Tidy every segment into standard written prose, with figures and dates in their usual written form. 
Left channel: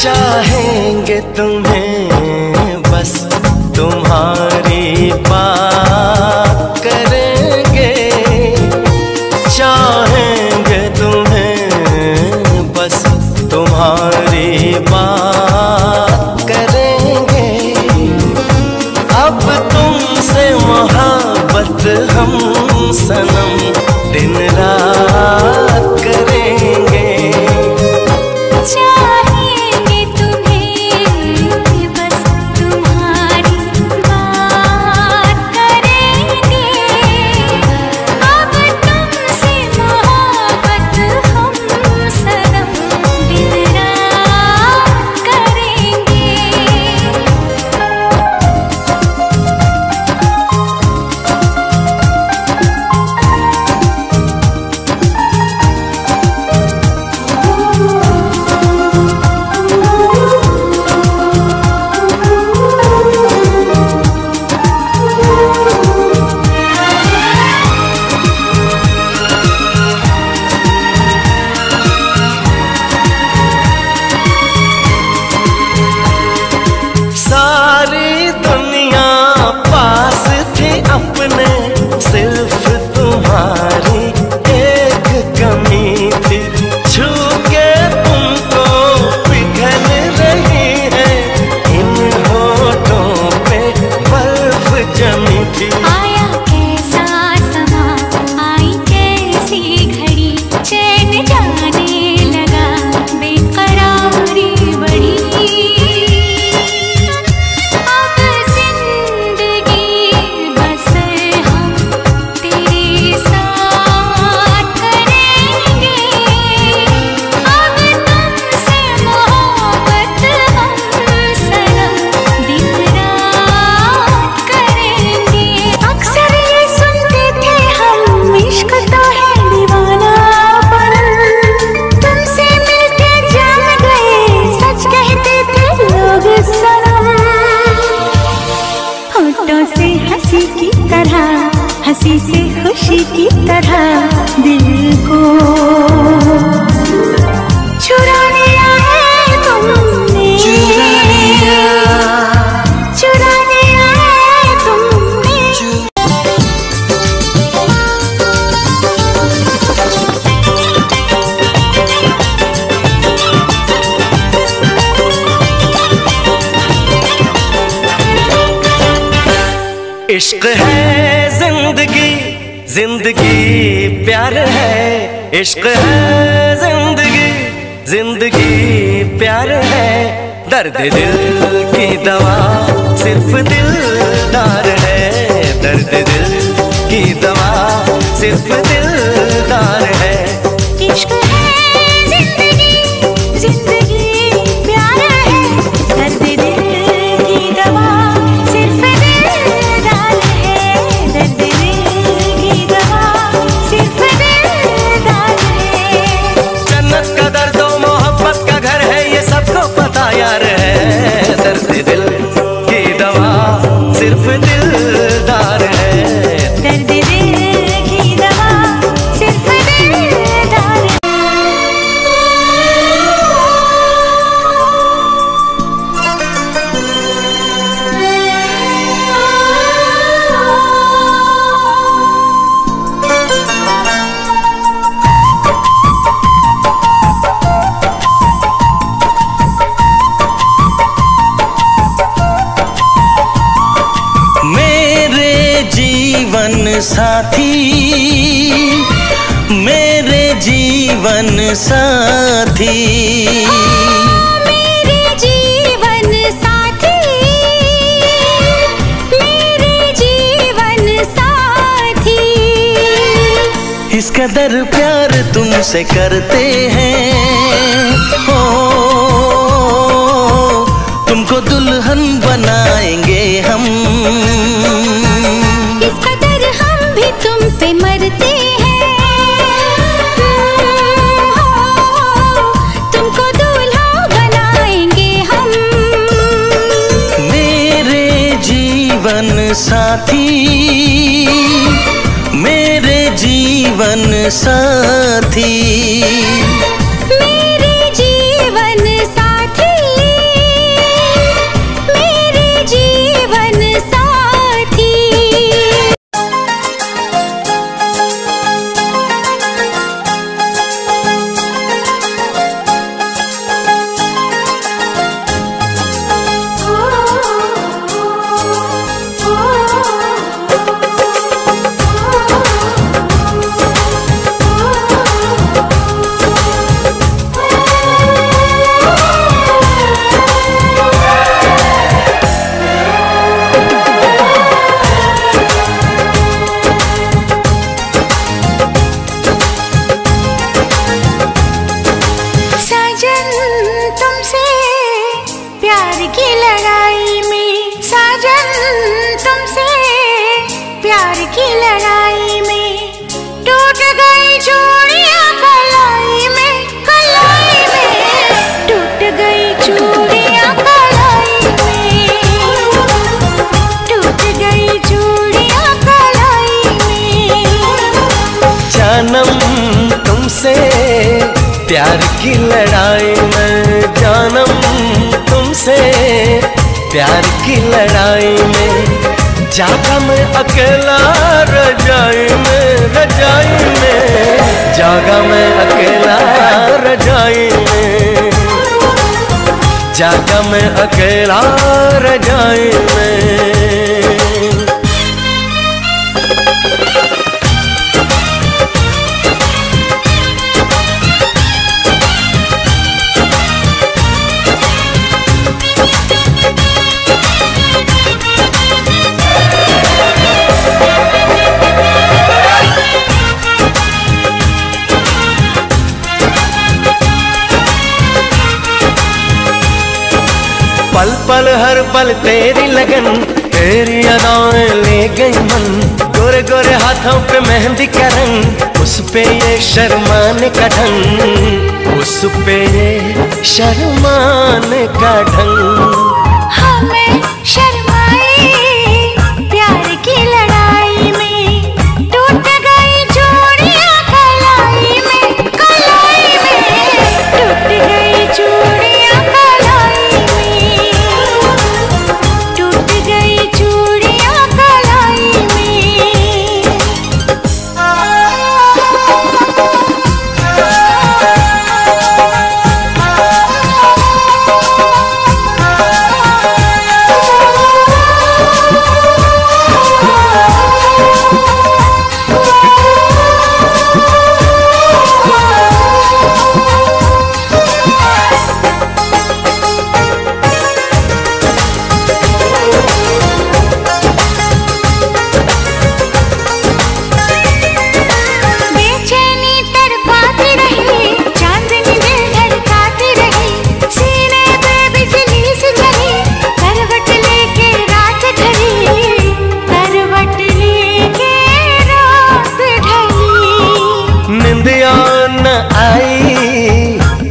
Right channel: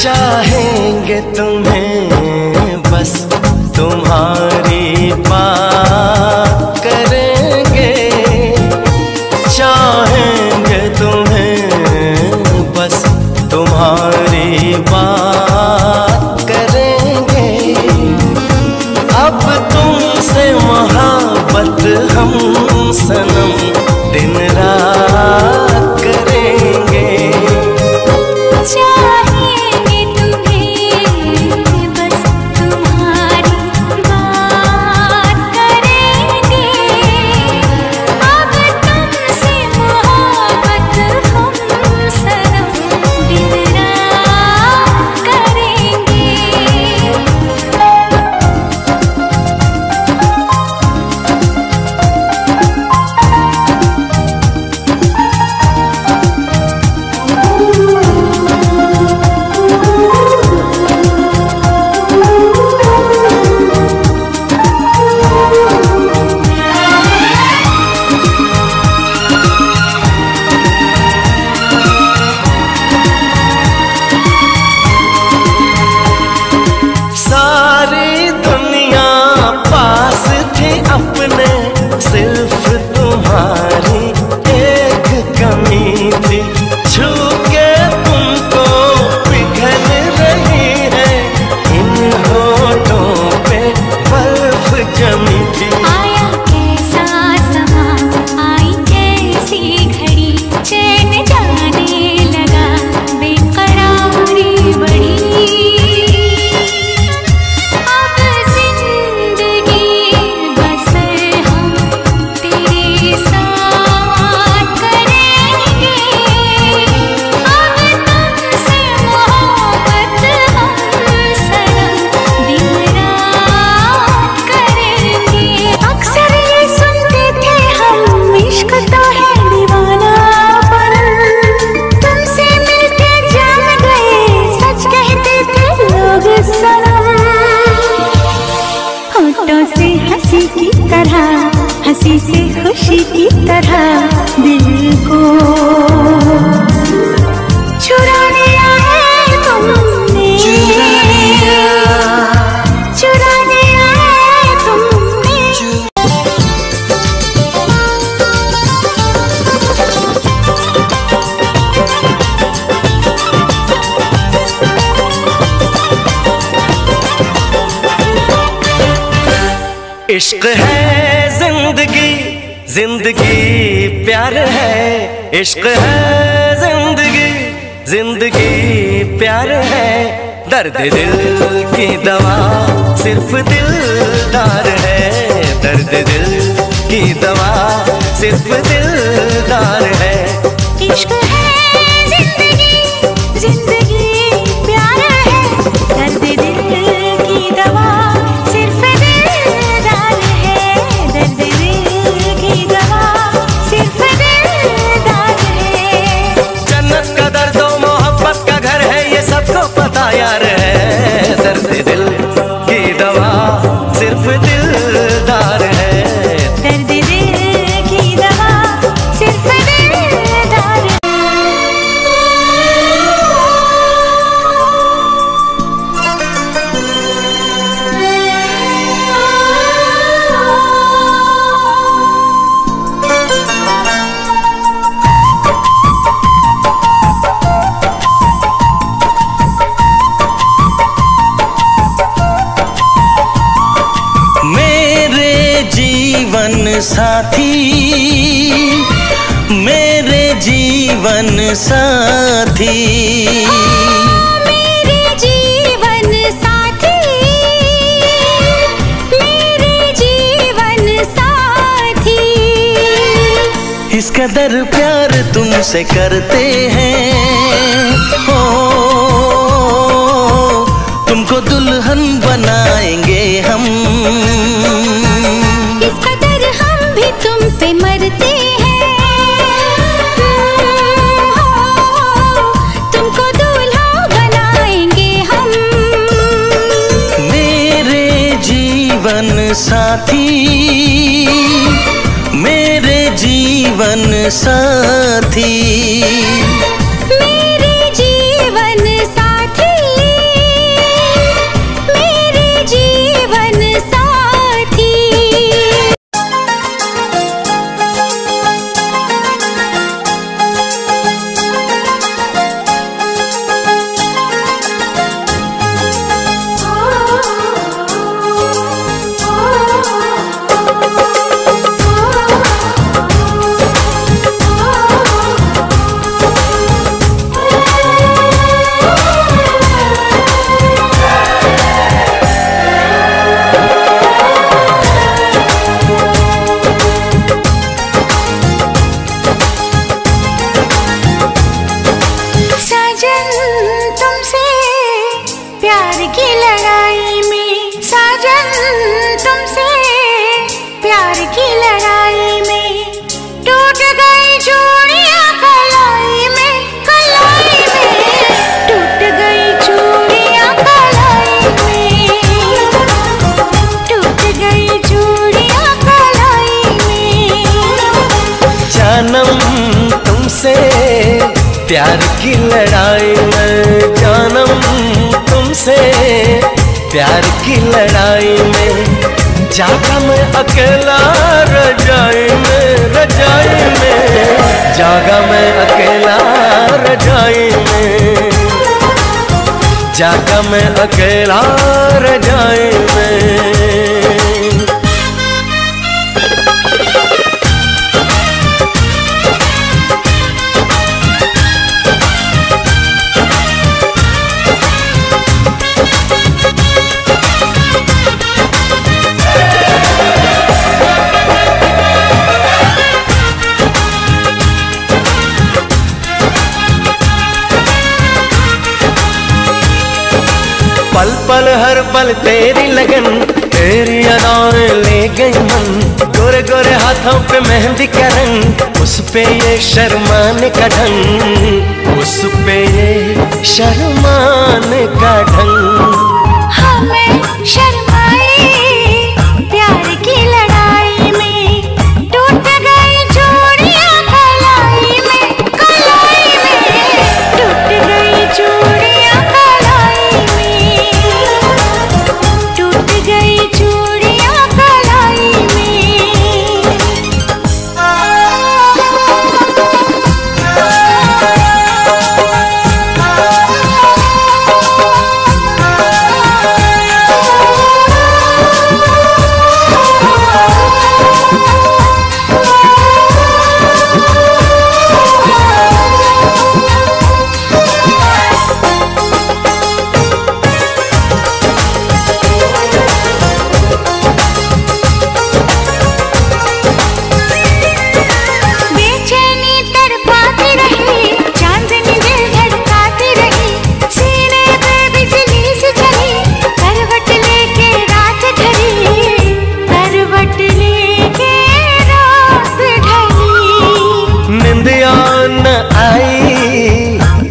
चाहेंगे तुम्हें बस तुम्हारी बात करेंगे, चाहेंगे तुम्हें बस तुम्हारी बात करेंगे। अब तुमसे मोहब्बत हम सनम दिन रात करेंगे। चाहेंगे तुम्हें बस तुम्हारी बात करेंगे। अब तुमसे मोहब्बत हम सनम दिन रात करेंगे। सारी दुनिया पास थी अपने, सिर्फ तुम्हारी एक कमी थी। छू के तुमको पिघल रही है, इन होठों पे बर्फ जमी थी। आया कैसा समा, आई कैसी घड़ी, चैन जाने लगा, बेकरारी बढ़ी। अब जिंदगी बसर हम तेरे साथ करेंगे। अब तुमसे मोहब्बत हम सनम दिन रात करेंगे। अक्सर ये सुनते थे हम, इश्क तो है दीवानापन, तुमसे मिलके जान गए, सच कहते थे लोग सनम। होठों से हंसी की तरह, हंसी से खुशी की तरह दिल को चुरा लिया है तुमने, चुरा लिया है तुमने। इश्क है जिंदगी, जिंदगी प्यार है। इश्क है जिंदगी, जिंदगी प्यार है। दर्द दिल की दवा सिर्फ दिलदार है, दर्द दिल की दवा सिर्फ दिलदार है। इश्क है जिंदगी, जिंदगी प्यार है, दर्द दिल की दवा सिर्फ दिलदार है, दर्द दिल की दवा सिर्फ दिलदार है। जन्नत का दर्द और मोहब्बत का घर है, ये सबको पता यार है। दर्द दिल की दवा सिर्फ दिलदार है, दर्द दिल की दवा सिर्फ दिलदार है। साथी, मेरे जीवन साथी, मेरे जीवन साथी, मेरे जीवन साथी। इस कदर प्यार तुमसे करते हैं, हो तुमको दुल्हन बनाएंगे हम। इस कदर हम भी तुम पे मरते हैं, तुमको दूल्हा बनाएंगे हम। मेरे जीवन साथी, मेरे जीवन साथी, मेरे जीवन साथी। की लड़ाई में टूट गई चूड़ियां कलाई में, कलाई में टूट गई चूड़ियां कलाई में, टूट गई चूड़ियां कलाई में। जानम तुमसे प्यार की लड़ाई में, जानम तुमसे प्यार की लड़ाई में, जागा मैं अकेला रजाई में, रजाई में जागा मैं अकेला रजाई में, जागा मैं अकेला रजाई में। पल पल हर पल तेरी लगन, तेरी अदाएं ले गई मन, गोरे गोरे हाथों पे मेहंदी का रंग, उस पे ये शर्माने का ढंग, उस पे ये शर्माने का ढंग। हमें शर्माए प्यार की लड़ाई में, टूट गई चूड़ियां कलाई में, कलाई में टूट गई चूड़ियां कलाई में, टूट गई चूड़ियां कलाई में।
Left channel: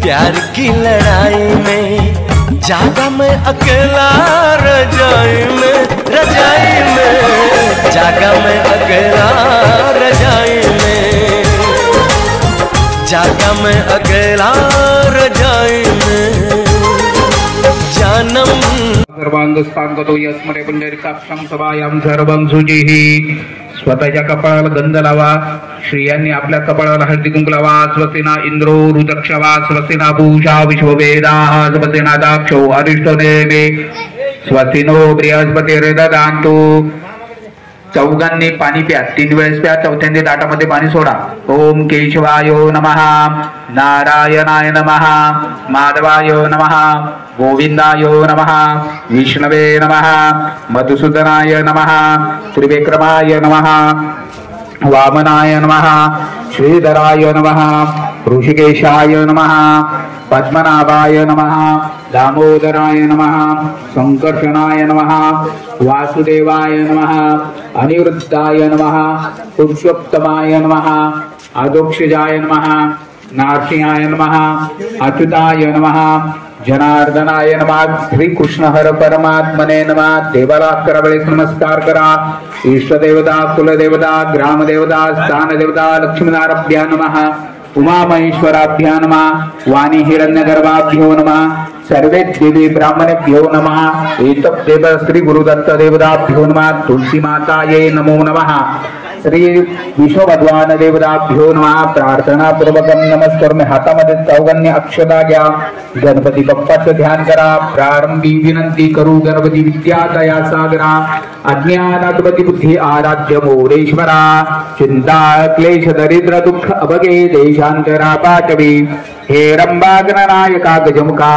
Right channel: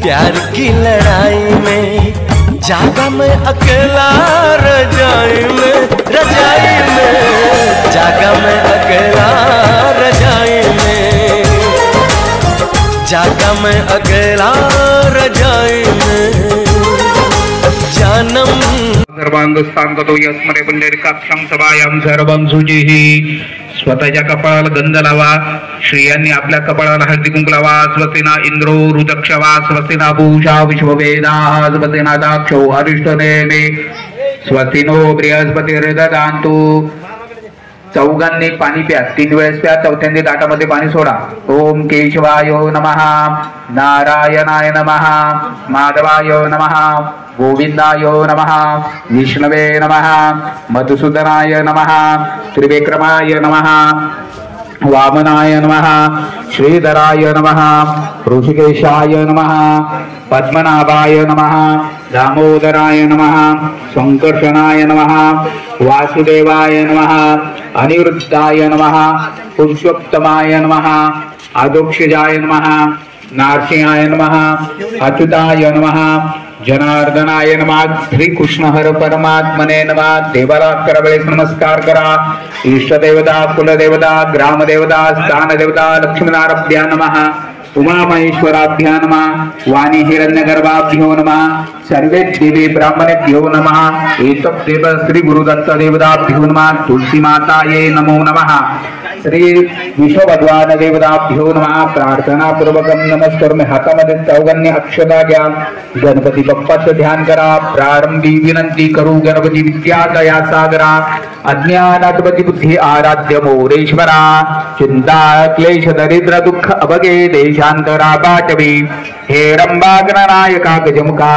प्यार की लड़ाई में, जागा मैं अकेला रजाई में, रजाई में जागा मैं अकेला रजाई में, जागा मैं अकेला रजाई में। जानम सर्वांगस्थांगतो यस्मरे पुंडरीकाक्षं सभायां सर्वं शुचिः। स्वतःच्या कपाळाला गंध लावा, स्त्रियांनी आपल्या कपाळाला हळदी कुंकू लावा। स्वस्तिना इंद्रो रुद्रक्षवा, स्वस्तिना पूषा विश्ववेदाः, स्वस्तिना दाक्षो अरिष्टनेमे, स्वस्तिनो बृहस्पतिर्दधातु। चौघांनी पाणी प्या, 3 वेळेस प्या, चौथ्यांदी ताटामध्ये पाणी सोडा। ओम केशवाय नमः, नारायणाय नमः, माधवाय नमः, गोविंदाय नमः, विष्णवे नमः, मधुसूदनाय नमः, त्रिविक्रमाय नमः, वामनाय नमः, श्रीधराय नमः, ऋषिकेशाय नमः, पद्मनाभाय नमः, दामोदराय नमः, संकर्षणाय नमः, वासुदेवाय नमः, अनिरुद्धाय नमः, पुरुषोत्तमाय नमः, अधोक्षजाय नमः, नारसिंहाय नमः, अच्युताय नमः, जनार्दनाय नमः, श्री कृष्ण हर परमात्मने नमः। देवाला करावेळेस नमस्कार करा। इष्ट देवता, कुलदेवता, ग्रामदेवता, स्थानदेवता, लक्ष्मीनारायणाभ्या नमः, उमा महेश्वराभ्या नमः, वाणी हिरण्यगर्भाभ्यो नमः, सर्वे देवी ब्राह्मणेभ्यो नमः, एतत् देव श्री गुरुदत्त देवताभ्यो नमः, तुलसी माताये नमो नमः, श्री विश्वभगवान देवताभ्यो नमः। प्रार्थना पूर्वकम नमस्कार। हातामध्ये चौघांनी अक्षता घ्या, गणपती बाप्पाचं ध्यान करा। प्रारंभी विनंती करू, गणपती विद्या दया सागरा, अज्ञानात्मती बुद्धी आराध्य मोरेश्वरा, चिंता क्लेश दरिद्र दुःख अभगे देशांतरा पाटवी, हे रंबा गणनायका गजमुखा,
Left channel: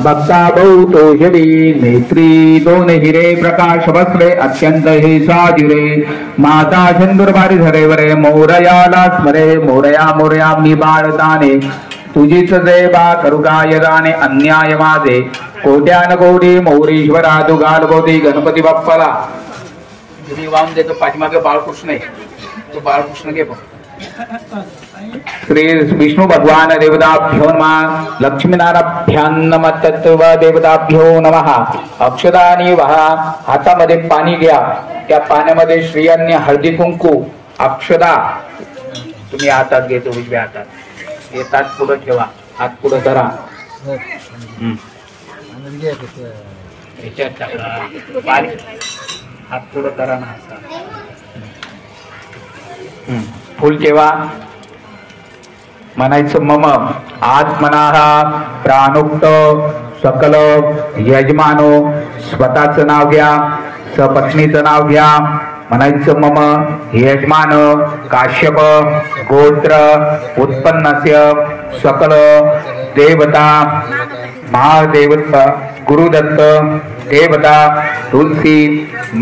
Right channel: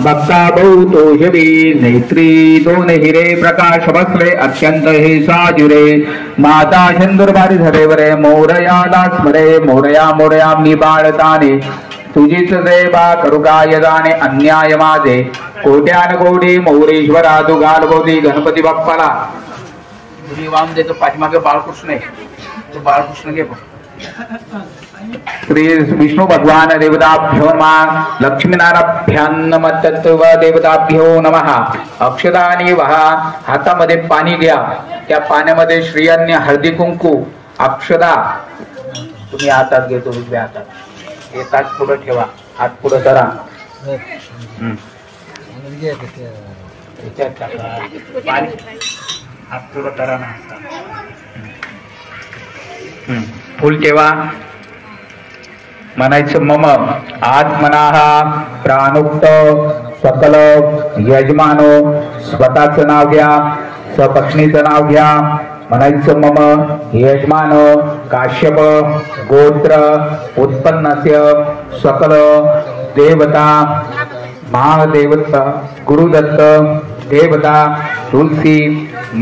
भक्ता बहुतोषवी, नेत्री दोन हिरे प्रकाश बसले अत्यंत हे साजुरे, माता चंदुरबारी धरेवरे, मोरयाला स्मरे, मोरया मोरया मी बाळताने, तुझीच देवा करुगाय जाणे अन्याय माझे, कोट्यान कोटी मोरेश्वरा तू गाल गोदी। गणपती बाप्पाला तुम्ही वाहून देतो पाठीमागे बाळकृष्ण आहे, तो बाळकृष्ण घे बघ. श्री विष्णू भगवान देवताभ्यो नमः. लक्ष्मीनारायणाभ्यां नमः. तत्व देवताभ्यो नमः. अक्षदानी वहा. हातामध्ये पाणी घ्या, त्या पाण्यामध्ये श्रीयांनी हळदी कुंकू अक्षदा तुम्ही हातात घेतो, उजव्या हातात एक हात पुढे ठेवा, हात पुढे धरा, हात पुढे करा ना, फुल ठेवा. म्हणायचं मम आत्मनाः प्राणोक्त सकल यजमानो. स्वतःचं नाव घ्या, सपत्नीचं नाव घ्या. म्हणायचं मम यजमान काश्यप गोत्र उत्पन्नस्य सकल देवता महादेवता गुरुदत्त देवता तुलसी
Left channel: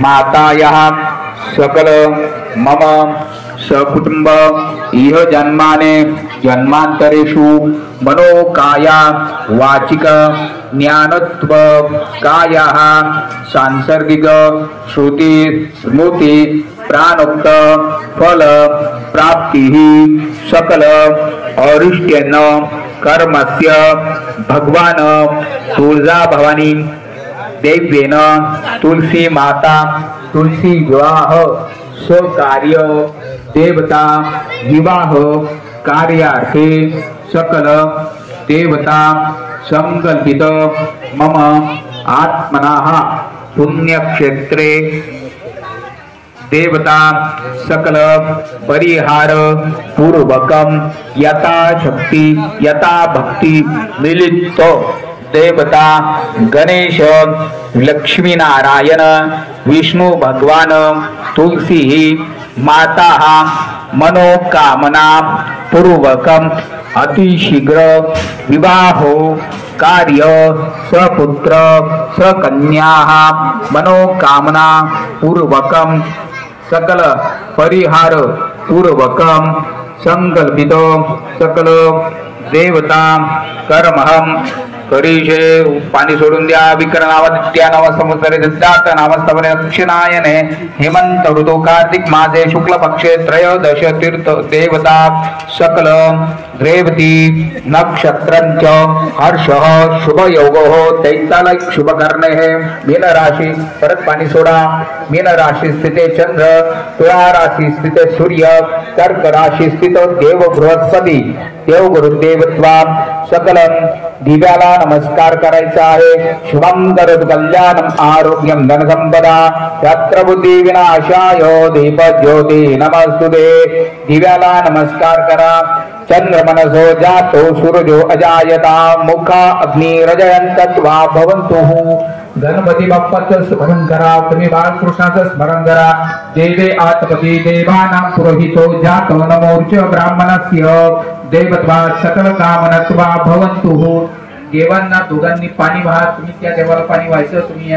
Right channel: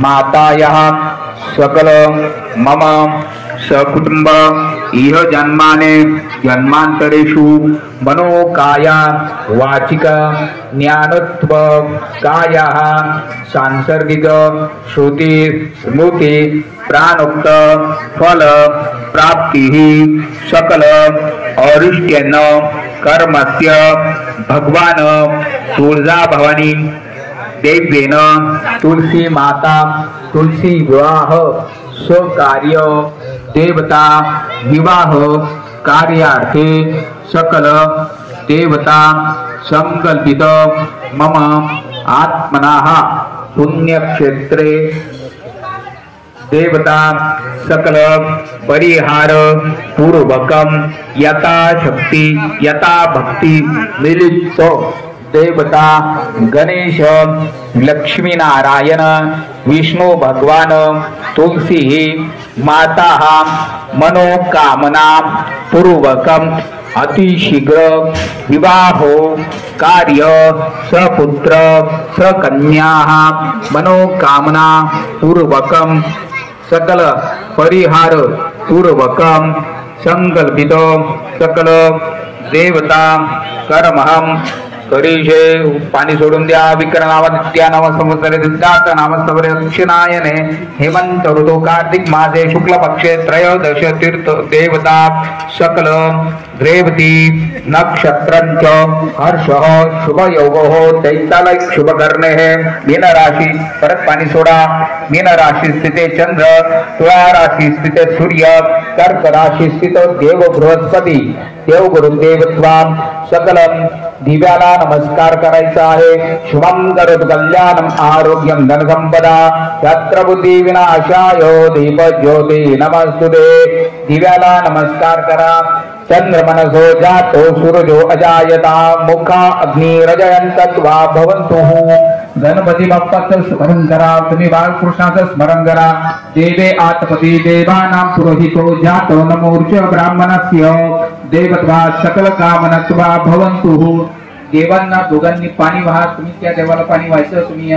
मातायाः सकल मम सकुटुंब इह जन्माने जन्मांतरेषु मनोकाया वाचिक ज्ञानत्व कायाः सांसर्गिक श्रुति स्मृति प्राणोक्त फल प्राप्तिः सकल औरिष्ट्येन कर्मस्य भगवान तुळजा भवानी देव्येन तुलसी माता तुलसी विवाह स्वकार्य देवता विवाह कार्यार्थे सकल देवता संकल्पित मम आत्मनः पुण्यक्षेत्रे देवता सकल परिहार पूर्वकम यथाशक्ति यथा भक्ति मिलित देवता गणेश लक्ष्मी नारायण विष्णु भगवान तुलसी माता मनोकामना पूर्वकम अतिशीघ्र विवाहो कार्य सपुत्र सकन्या मनोकामना पूर्वकम सकल परिहार पूर्वकम संकल्पित सकल देवता कर्महम करीशे. पाणी सोडून द्या. विक्रमादित्या नाम संवत्सरे दत्ताक नाम स्तवरे दक्षिणायने हेमंत ऋतु कार्तिक मासे शुक्ल पक्षे त्रयोदश तीर्थ देवता सकल रेवती नक्षत्रंच हर्षः शुभ योगो दैतालय शुभ करणे है. मीन राशि परत पाणी सोडा. मीन राशि स्थिते चंद्र, तुला राशि स्थिते सूर्य, कर्क राशि स्थितो देव बृहस्पती देव गुरुदेवत्वा सकलम दिव्याला नमस्कार करायचा आहे. शुभम करोतु कल्याणम आरोग्यम धन संपदा शस्त्र बुद्धी विनाशाय दीप ज्योती नमस्तुते. दिव्याला नमस्कार करा. चंद्र मनसो जातो सूर्यो अजायता मुखा अग्नि रजयंतत्वा भवन्तुः. गणपती बाप्पाचं स्मरण करा. तुम्ही बाळकृष्णाचं स्मरण करा. देवे आत्मपती देवानां पुरोहितो जातो नमोर्च ब्राह्मणस्य देवत्वा सकल कामनत्वा भवन्तुः. देवांना दोघांनी पाणी वाहा. तुम्ही त्या देवाला पाणी व्हायचं. तुम्ही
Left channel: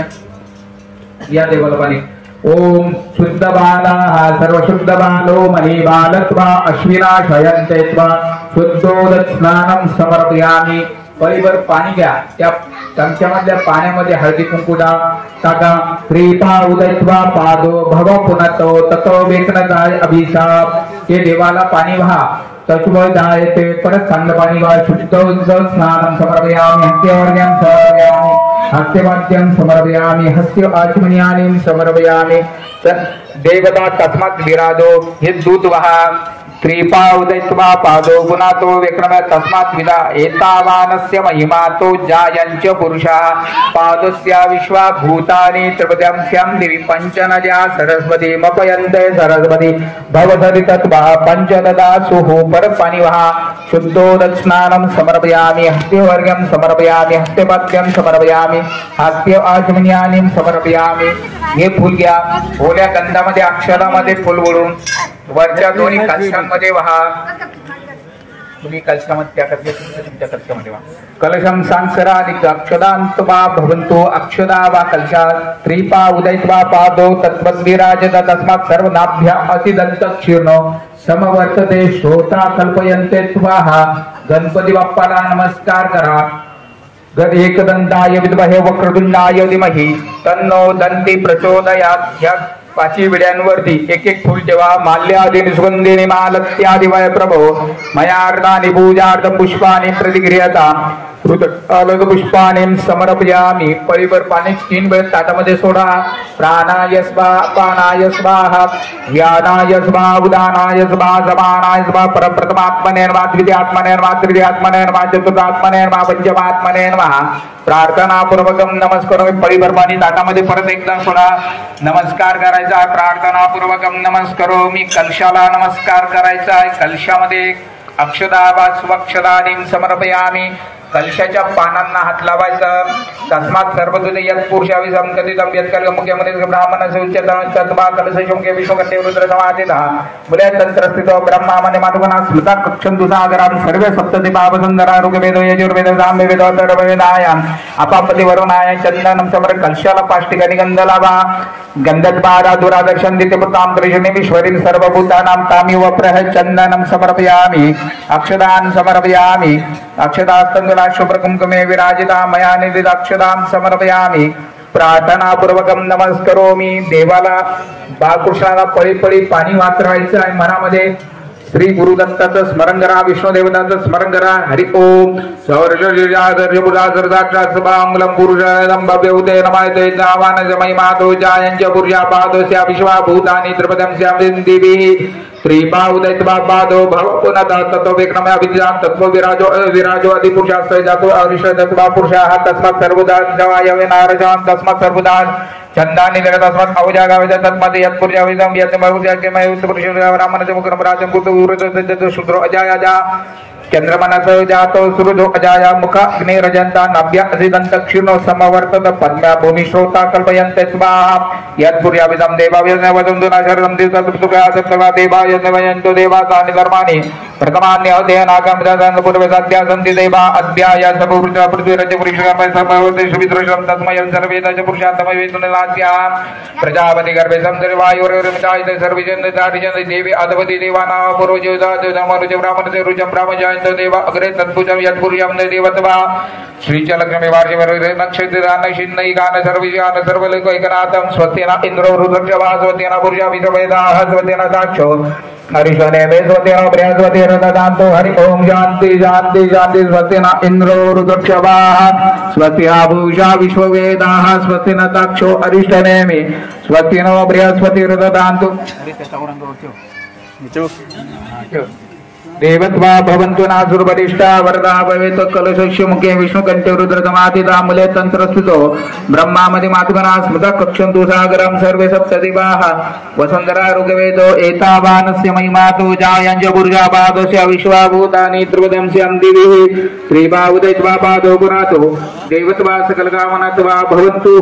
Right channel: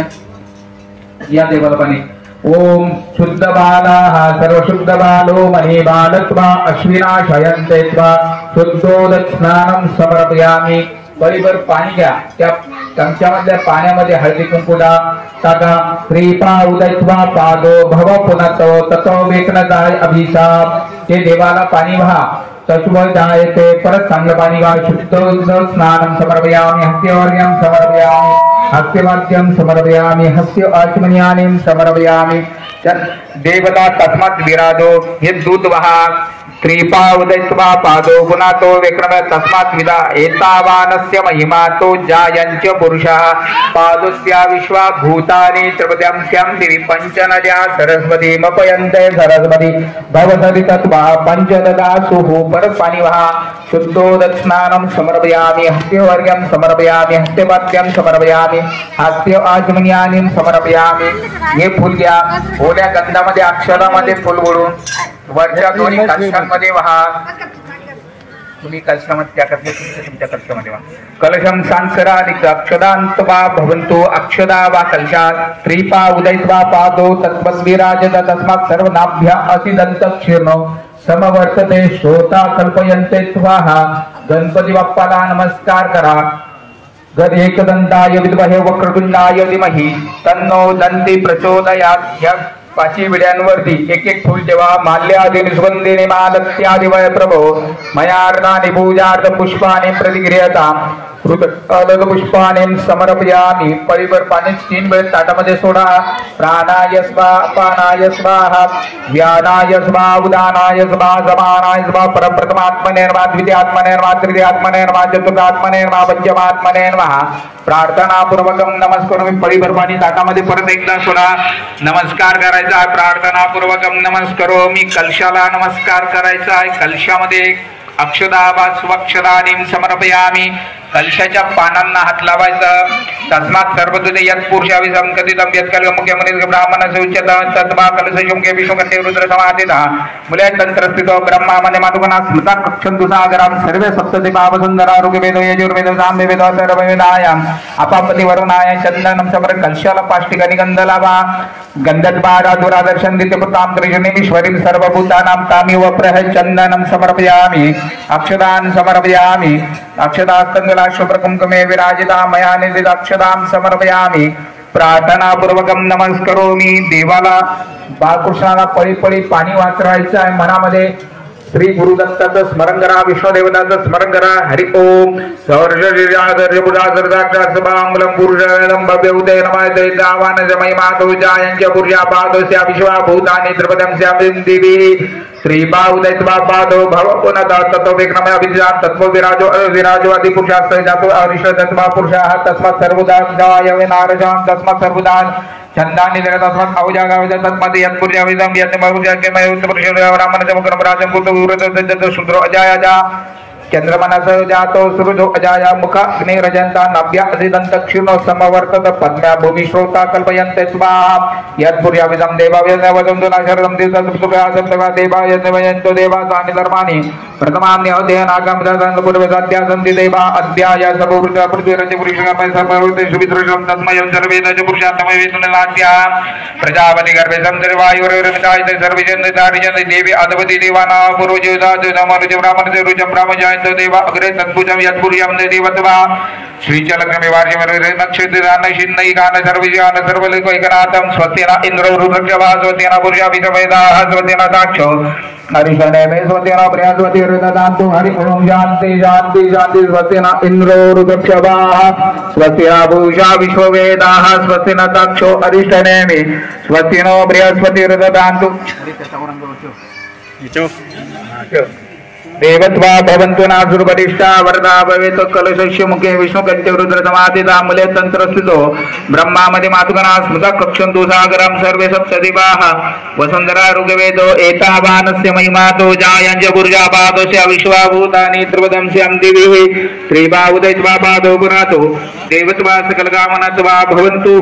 या देवाला पाणी. ओम शुद्ध बालाः सर्व शुद्ध बालो मनी बालत्वा अश्विना शयन्ते त्वा शुद्धोदक स्नानं समर्पयामि. परिवर पाणी घ्या. त्या चमच्यामधल्या पाण्यामध्ये हळदी कुंकू टाका. क्रीपा उदयत्वा पादो भव पुनतो ततो वेतनदाय अभिशाप. हे देवाला पाणी वाहा. तत्व जायते परत चांगलं पाणी वाहा. शुद्ध स्नानं समर्पयामि. हस्त्यवर्ग्यं समर्पयामि. हस्त्यवाद्यं समर्पयामि. हस्य आचमनीयानि समर्पयामि. देवता तस्मात् विराजो. हे दूध वाहा. त्रिपा उदयत्वा पादो गुणातो विक्रम तस्मात् विदा. एतावानस्य महिमा तो जायंच पुरुषः पादस्य विश्वा भूतानि त्रिपद्यांस्यां दिवि पंचनद्या सरस्वती मपयन्ते सरस्वती भवदरि तत्वा पंचददासुः. परत पाणी वहा. शुद्धोदक स्नानं समर्पयामि. हस्त्यवर्ग्यं समर्पयामि. हस्त्यपाद्यं समर्पयामि. हस्य आचमनीयानि समर्पयामि. हे फुल घ्या. ओल्या गंधामध्ये अक्षरामध्ये फुल ओढून वरच्या दोन्ही कलशांमध्ये वहा. तुम्ही कलशामध्ये तुमच्या कलशामध्ये वहा. कलशम सांसरानिक अक्षदांतवा भवन्तु. अक्षदा वा कलशात त्रिपा उदयत्वा पादो तत्त्वद्विराजत तस्मात् सर्वनाभ्या असिदन्तक्षीर्णो समवर्तते श्रोता कल्पयन्ते त्वाहा. गणपती बाप्पाला नमस्कार करा. एकदंताय विद्महे वक्रतुंडाय धीमहि तन्नो दन्ती प्रचोदयात्. पाची विड्यांवरती एक एक फुल ठेवा. माल्यादी निस्वंदेने मालत्यादि वय प्रभो मयार्दानि पूजार्थं पुष्पाणि प्रतिगृह्यता अलग पुष्पाने समर्पयामी. पळीभर पाणी 3 वेळ ताटामध्ये सोडा. प्राणाय स्वाहा पानाय स्वाहा व्यानाय स्वाहा उदानाय स्वाहा समानाय स्वाहा परप्रथमात्मने नमः द्वितीयात्मने नमः तृतीयात्मने नमः चतुर्थात्मने नमः पंचमात्मने नमः. प्रार्थना पूर्वकम नमस्कार. पळीभर पाणी ताटामध्ये परत एकदा सोडा. नमस्कार करायचा. प्रार्थना पूर्वकम नमस्कारो. मी कलशाला नमस्कार करायचा आहे. कलशामध्ये अक्षदा वा स्वक्षदानीं समर्पयामी. कलशाच्या पानांना हात लावायचा. तस्मात् सर्वदूते यत् पुरुषाविसं कथितं यत् कल्पमुख्यमनिर्ग ब्राह्मणस्य उच्यते तद्वा कलशयुगे विश्वकटे रुद्र समाधितः मूले तंत्रस्थितो ब्रह्मामने मातुगणा स्मृता कक्षन्तु सागरां सर्वे सप्तति पावसुन्दरा ऋग्वेदो यजुर्वेदो सामवेदो अथर्ववेदायाम् अपापति वरुणाय चंदनं समर. कलशाला 5 ठिकाणी गंध लावा. गंधद्वारा दुरादर्शन दित्यपुतां कृष्णेश्वरीं सर्वभूतानां तामिव प्रह चंदनं समर्पयामि. अक्षदान् समर्पयामि. अक्षदास्तंगला शुभ्रकुंकुमे विराजिता मया निर्दित अक्षदां समर्पयामि. प्रार्थना पूर्वकम नमस्कारोमी. देवाला बाळकृष्णाला पळी पळी पाणी वाचवायचं आहे. मनामध्ये श्री गुरुदत्ताचं स्मरण करा. विष्णुदेवताचं स्मरण करा. हरि ओम भूतानि त्रिपदं श्रीबाहुदैत्वापादो भव पुनः तत्व विक्रमया विद्यां तत्व विराजो विराजो आदि पुरुषास्ते जातो अरिष्टत्वा पुरुषाः तस्मात् सर्वदा जवाय नारजां तस्मात् सर्वदा चंदानि तस्मात् अवजागावज तस्मात् यत्पुरुषाविदं यत्मरुजकेमय उत्तपुरुषः ब्राह्मणस्य मुखं राजं कुतुरुतो शूद्रो अजायजा चंद्रमनसो जातो सुरुधो अजाया मुख अग्निरजन्ता नभ्य अधिदन्तक्षिणो समवर्तत पद्म्या भूमि श्रोता कल्पयन्ते स्वाहा यत्पुर्याविदं देवावयवदन्तु नाशरं दिवसत्सुखासत्तवा देवाय नवयन्तो देवासानि धर्माणि प्रथमान्यहतेनागमदानं पूर्वे सत्यासन्ति देवा अद्याय सपुरुषा पृथ्वीरज पुरुषामय सर्वभूते सुविद्रशं तस्मयं सर्वेदज पुरुषात्मवेदुनलाद्या प्रजापति गर्भे संसर्वायुर्वितायते सर्वजन्तारिजन्ते देवी अधवति देवाना पूर्वजोदात नमरुज ब्राह्मणते रुजं ब्राह्मजाय देवा अग्रे तत्पुजं यत्पुर्यं देवत्वा श्रीचलग्नमे वार्षिवरे नक्षत्रान शिन्नै गान सर्वज्ञान सर्वलोकैकनाथं स्वस्तिना इन्द्रो रुद्रक्षवा स्वस्तिना पुरुषा विश्ववेदाः स्वस्तिना साक्षो हरिशनेमे स्वस्तिना बृहस्पति रुददान्तु हरि ओम शान्ति शान्ति शान्ति. स्वस्तिना इन्द्रो रुद्रक्षवाः स्वस्तिना पूषा विश्ववेदाः स्वस्तिना साक्षो हरिशनेमे स्वस्तिनो बृहस्पति रुददान्तु. देवत्वा भवन्तु नासुरवरिष्ठा वरदा भवेत्. कलशस्य मुखे विष्णुकंते रुद्रसमाधिता मूले तंत्रस्थितो ब्रह्मामदि मातुगणा स्मृता कक्षन्तु सागरं सर्वे सप्तदिवाः वसुन्धरा ऋग्वेदो एतावानस्य महिमातो जायञ्च पुरुषापादस्य विश्वाभूतानि त्रिपदंस्यं दिवि त्रिबाहुदैत्वापादो पुरातो देवत्वा सकलकामनात्वा भवन्तु.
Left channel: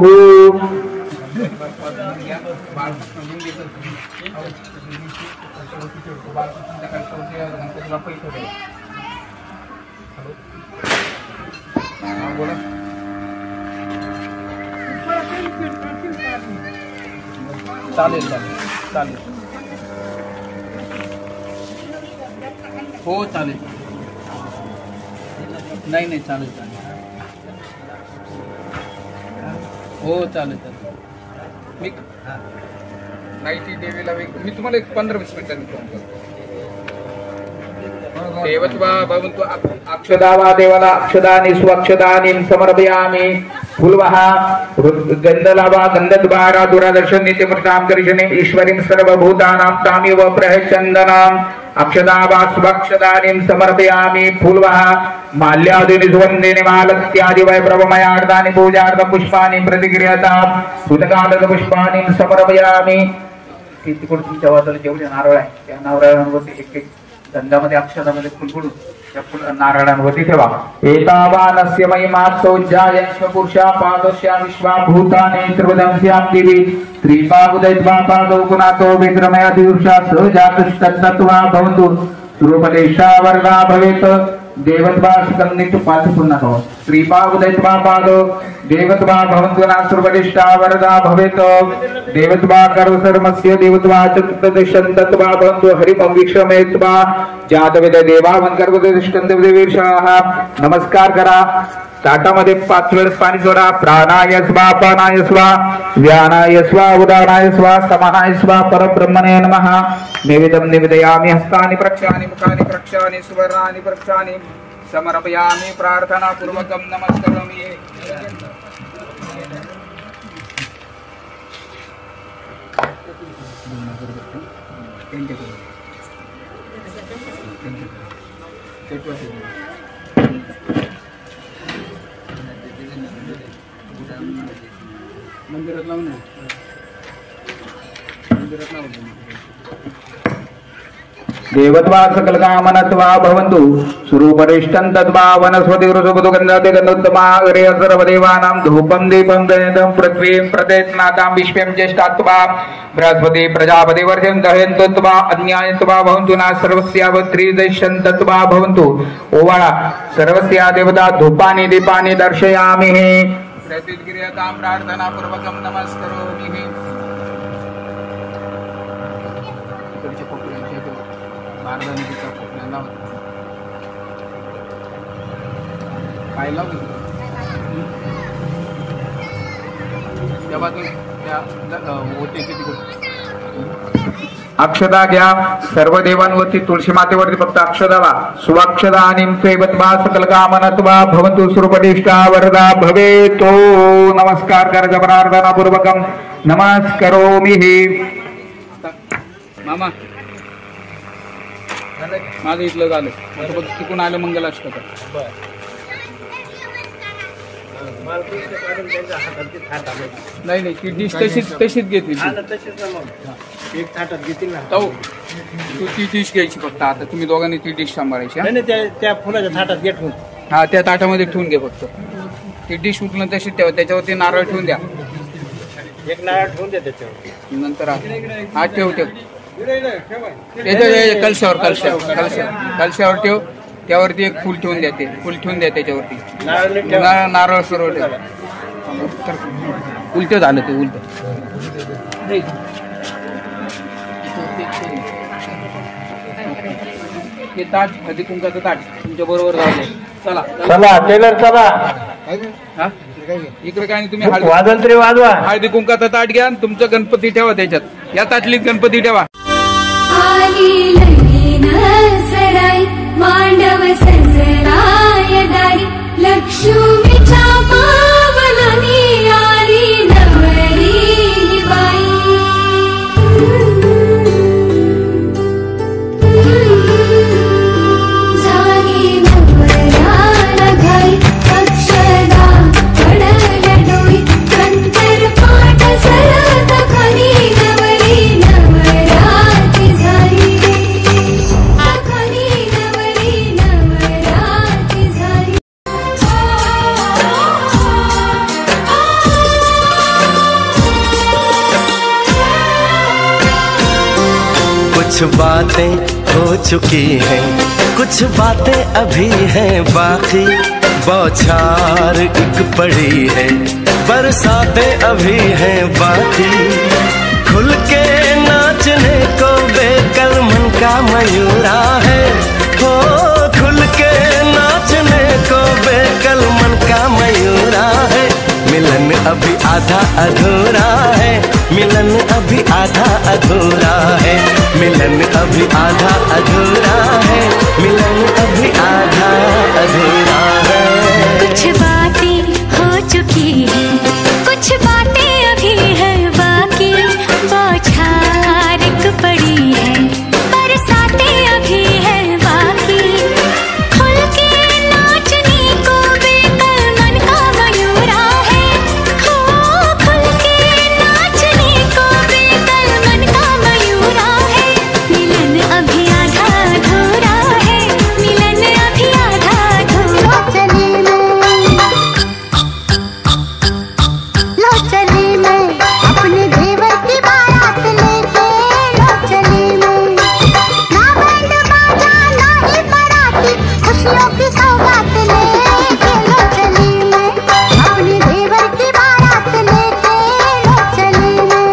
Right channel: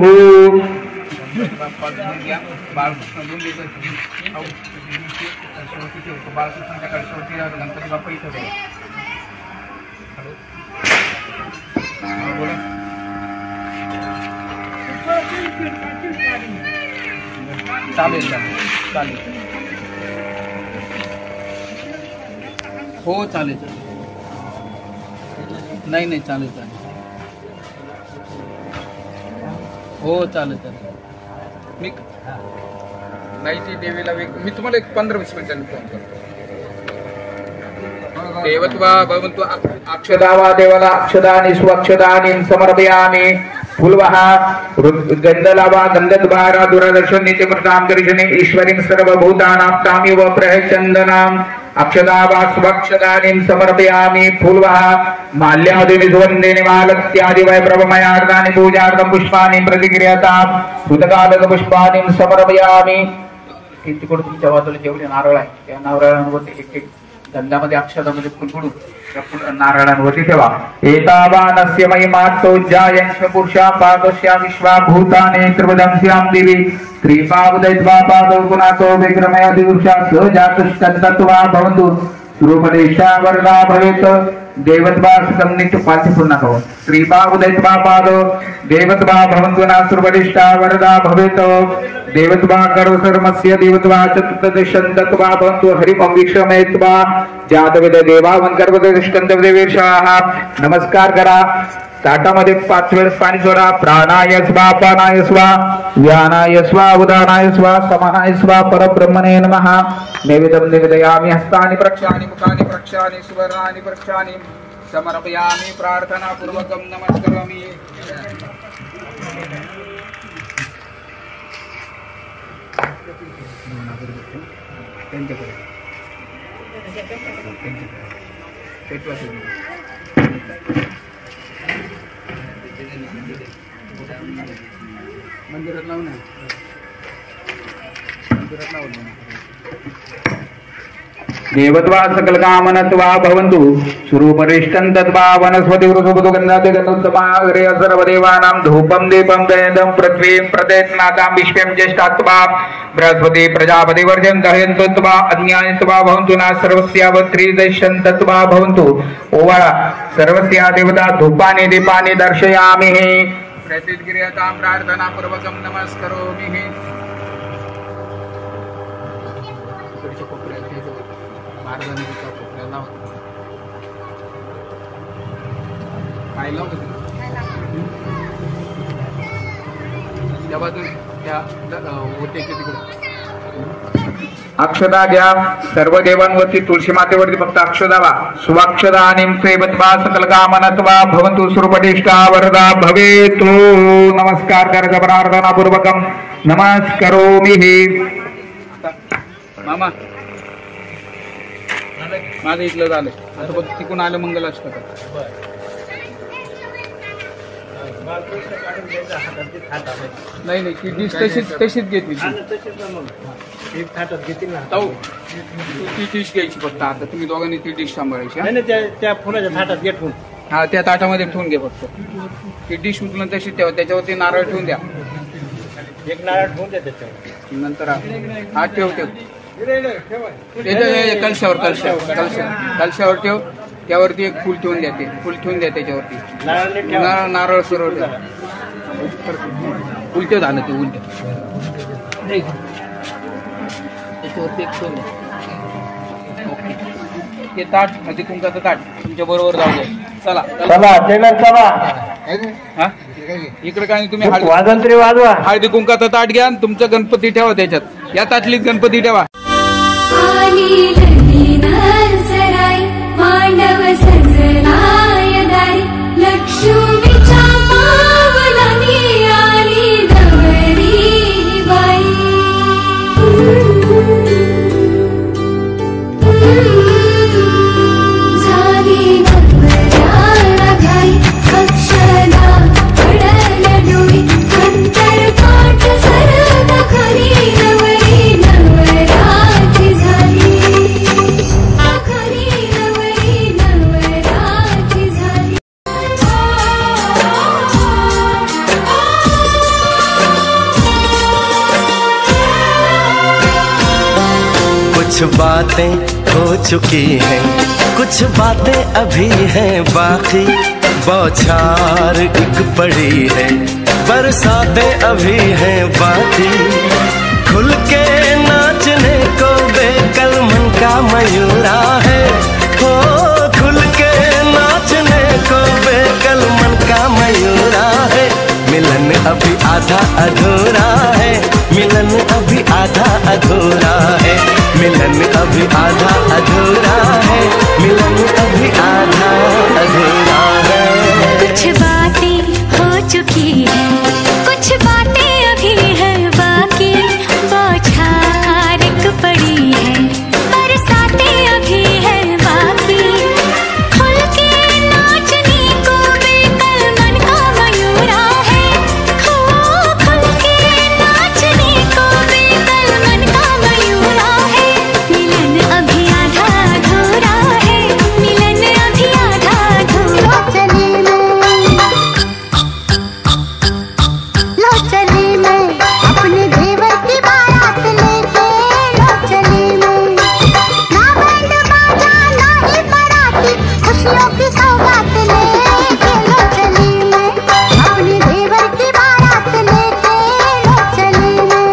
चालेल चालेल हो चालेल नाही नाही चालेल चालेल हो चालेल चालेल. मी नाही ती देवीला मी तुम्हाला 15-20 मिनिटांनी देवत्वा भवन्तु. अक्षदा वा देवाला अक्षदानि स्वक्षदानि समर्पयामि. फुलवः गंधलावा गंधद्वारा दुरादर्शन नित्यमृतां करिष्ये ईश्वरीं सर्वभूतानां तामिव प्रहचन्दनाम् अक्षदा वा स्वक्षदानि समर्पयामि. फुलवः माल्यादीनि सुगन्धेन मालत्यादि वै प्रभमयार्दानि पूजार्थं पुष्पाणि प्रतिगृह्यताम् सुतकालद पुष्पाणि समर्पयामि. किती कोण तुमच्या वाजवले जेवढे नारळ आहे त्या नारळांवरती एक एक गंधामध्ये अक्षदामध्ये फुलफुडून नारायणांवरती ठेवा. एतावानस्य महिमास्तोज्जायन्स पुरुषा पादस्या विश्वाभूतानि त्रिपदंस्यां दिवि त्रिपादुदैत्वा पादौ पुनातो विक्रमया दिवसा सहजातस्तत्त्वा भवन्तु. रूपदेशा वरदा भवेत्. देवत्वा सकन्नित पाठि पुन्हा कहो त्रिपादुदैत्वा पादौ देवत्वा भवन्तु नासुरवरिष्ठा वरदा भवेत्. देवत्वा कर्मस्य देवत्वा चतुर्दशन्तत्वा भवन्तु. हरि ओम विश्वमेत्वा जातवेद देवावं कर्मदुष्टन्त देवेशाः. नमस्कार करा. ताटामध्ये 5 वेळेस पाणी सोडा. प्राणाय स्वा, अपानाय स्वा, व्यानाय स्वा, उदानाय स्वा, समानाय स्वा, परब्रह्मणे नमः. नैवेद्यं निवेदयामि. हस्तानि प्रक्षालयामि, मुखानि प्रक्षालयामि, सुवर्णानि प्रक्षालयामि, समर्पयामि. प्रार्थनापूर्वकं नमस्करोमि. मंदिरात लावून देवत्वा सकल कामनत्वा भवन्तु स्वरूपरिष्टं तद्वा वनस्पति वृषभगन्धादि गन्धोत्तमा अग्रे सर्वदेवानां धूपं दीपं गन्धं पृथ्वीं प्रदेशनाथां विश्वं ज्येष्ठात्वा बृहस्पति प्रजापति वर्जं दहयन्तत्वा अज्ञानत्वा भवन्तु न सर्वस्यावत्रिदशन्तत्वा भवन्तु. ओवाळा सर्वस्या देवता धूपानि दीपानि दर्शयामि. प्रतिक्रियतां प्रार्थनापूर्वकं नमस्करोमि. अक्षदा घ्या. सर्व देवांवरती तुळशी मातेवरती फक्त अक्षदा घ्या. सुवाक्षदा आणि सकल कामनत्वा भवन्तु सुरपटिष्ठा वरदा भवेतो. नमस्कार करायचा प्रार्थनापूर्वकं नमस्करोमि. मामा माझं इथलं झालं. आता बघ तिकून आलं मंगलाष्टक. नाही नाही ती डिश तशीच घेतली. ती डिश घ्यायची फक्त. आता तुम्ही दोघांनी ती डिश सांभाळायची. त्या फुलाच्या थाटात घे ठेवून. हा त्या ताटामध्ये ठेवून घे फक्त. ती डिश उचलून तशीच ठेवा. त्याच्यावरती नारळ ठेवून द्या. एक नारळ ठेवून द्या त्याच्यावर. नंतर हा ठेव कलशावर ठेव. त्यावरती एक फुल ठेवून द्या. ते फुल ठेवून द्या त्याच्यावरती. नारळ सर्व उलट झालं. ते उलट ते ताट हळदी कुंकाचं ताट तुमच्या बरोबर जाऊ. चला चला टेलर चला. हा इकडे काय नाही. तुम्ही हळदी कुंकाचं ताट घ्या. तुमचं गणपती ठेवा त्याच्यात. या ताटलीत गणपती ठेवा. मांडव सजलाय दारी लक्ष्मीच्या पावलानी आली नवरी बाई. झाली नवऱ्याला घाई अक्षदा पडल डोई अंतर पाठ सरत खाली नवरी नवराची झाली. कुछ बातें हो चुकी हैं, कुछ बातें अभी हैं बाकी। बौछार एक पड़ी है, बरसातें अभी हैं बाकी। खुल के नाचने को बेकल मन का मयूरा है, हो खुल के नाचने को बेकल मन का मयूरा है। मिलन अभी आधा अधूरा है, मिलन अभी आधा अधूरा है, मिलन अभी आधा अधूरा है, मिलन अभी आधा अधूरा है। कुछ बातें हो चुकी है, कुछ बातें अभी है बाकी। बौछार एक पड़ी है, बरसातें अभी है बाकी। खुल के नाचने को बेकल मन का मयूरा है, हो खुल के नाचने को बेकल मन का मयूरा है। मिलन अभी आधा अधूरा है, मिलन अभी आधा अधूरा। लो चली मैं अपने देवर की बारात लेके, लो चली मैं ना बैंड बाजा ना ही बाराती, खुशियों की सौगात लेके। लो चली मैं अपने देवर की बारात लेके, लो चली मैं।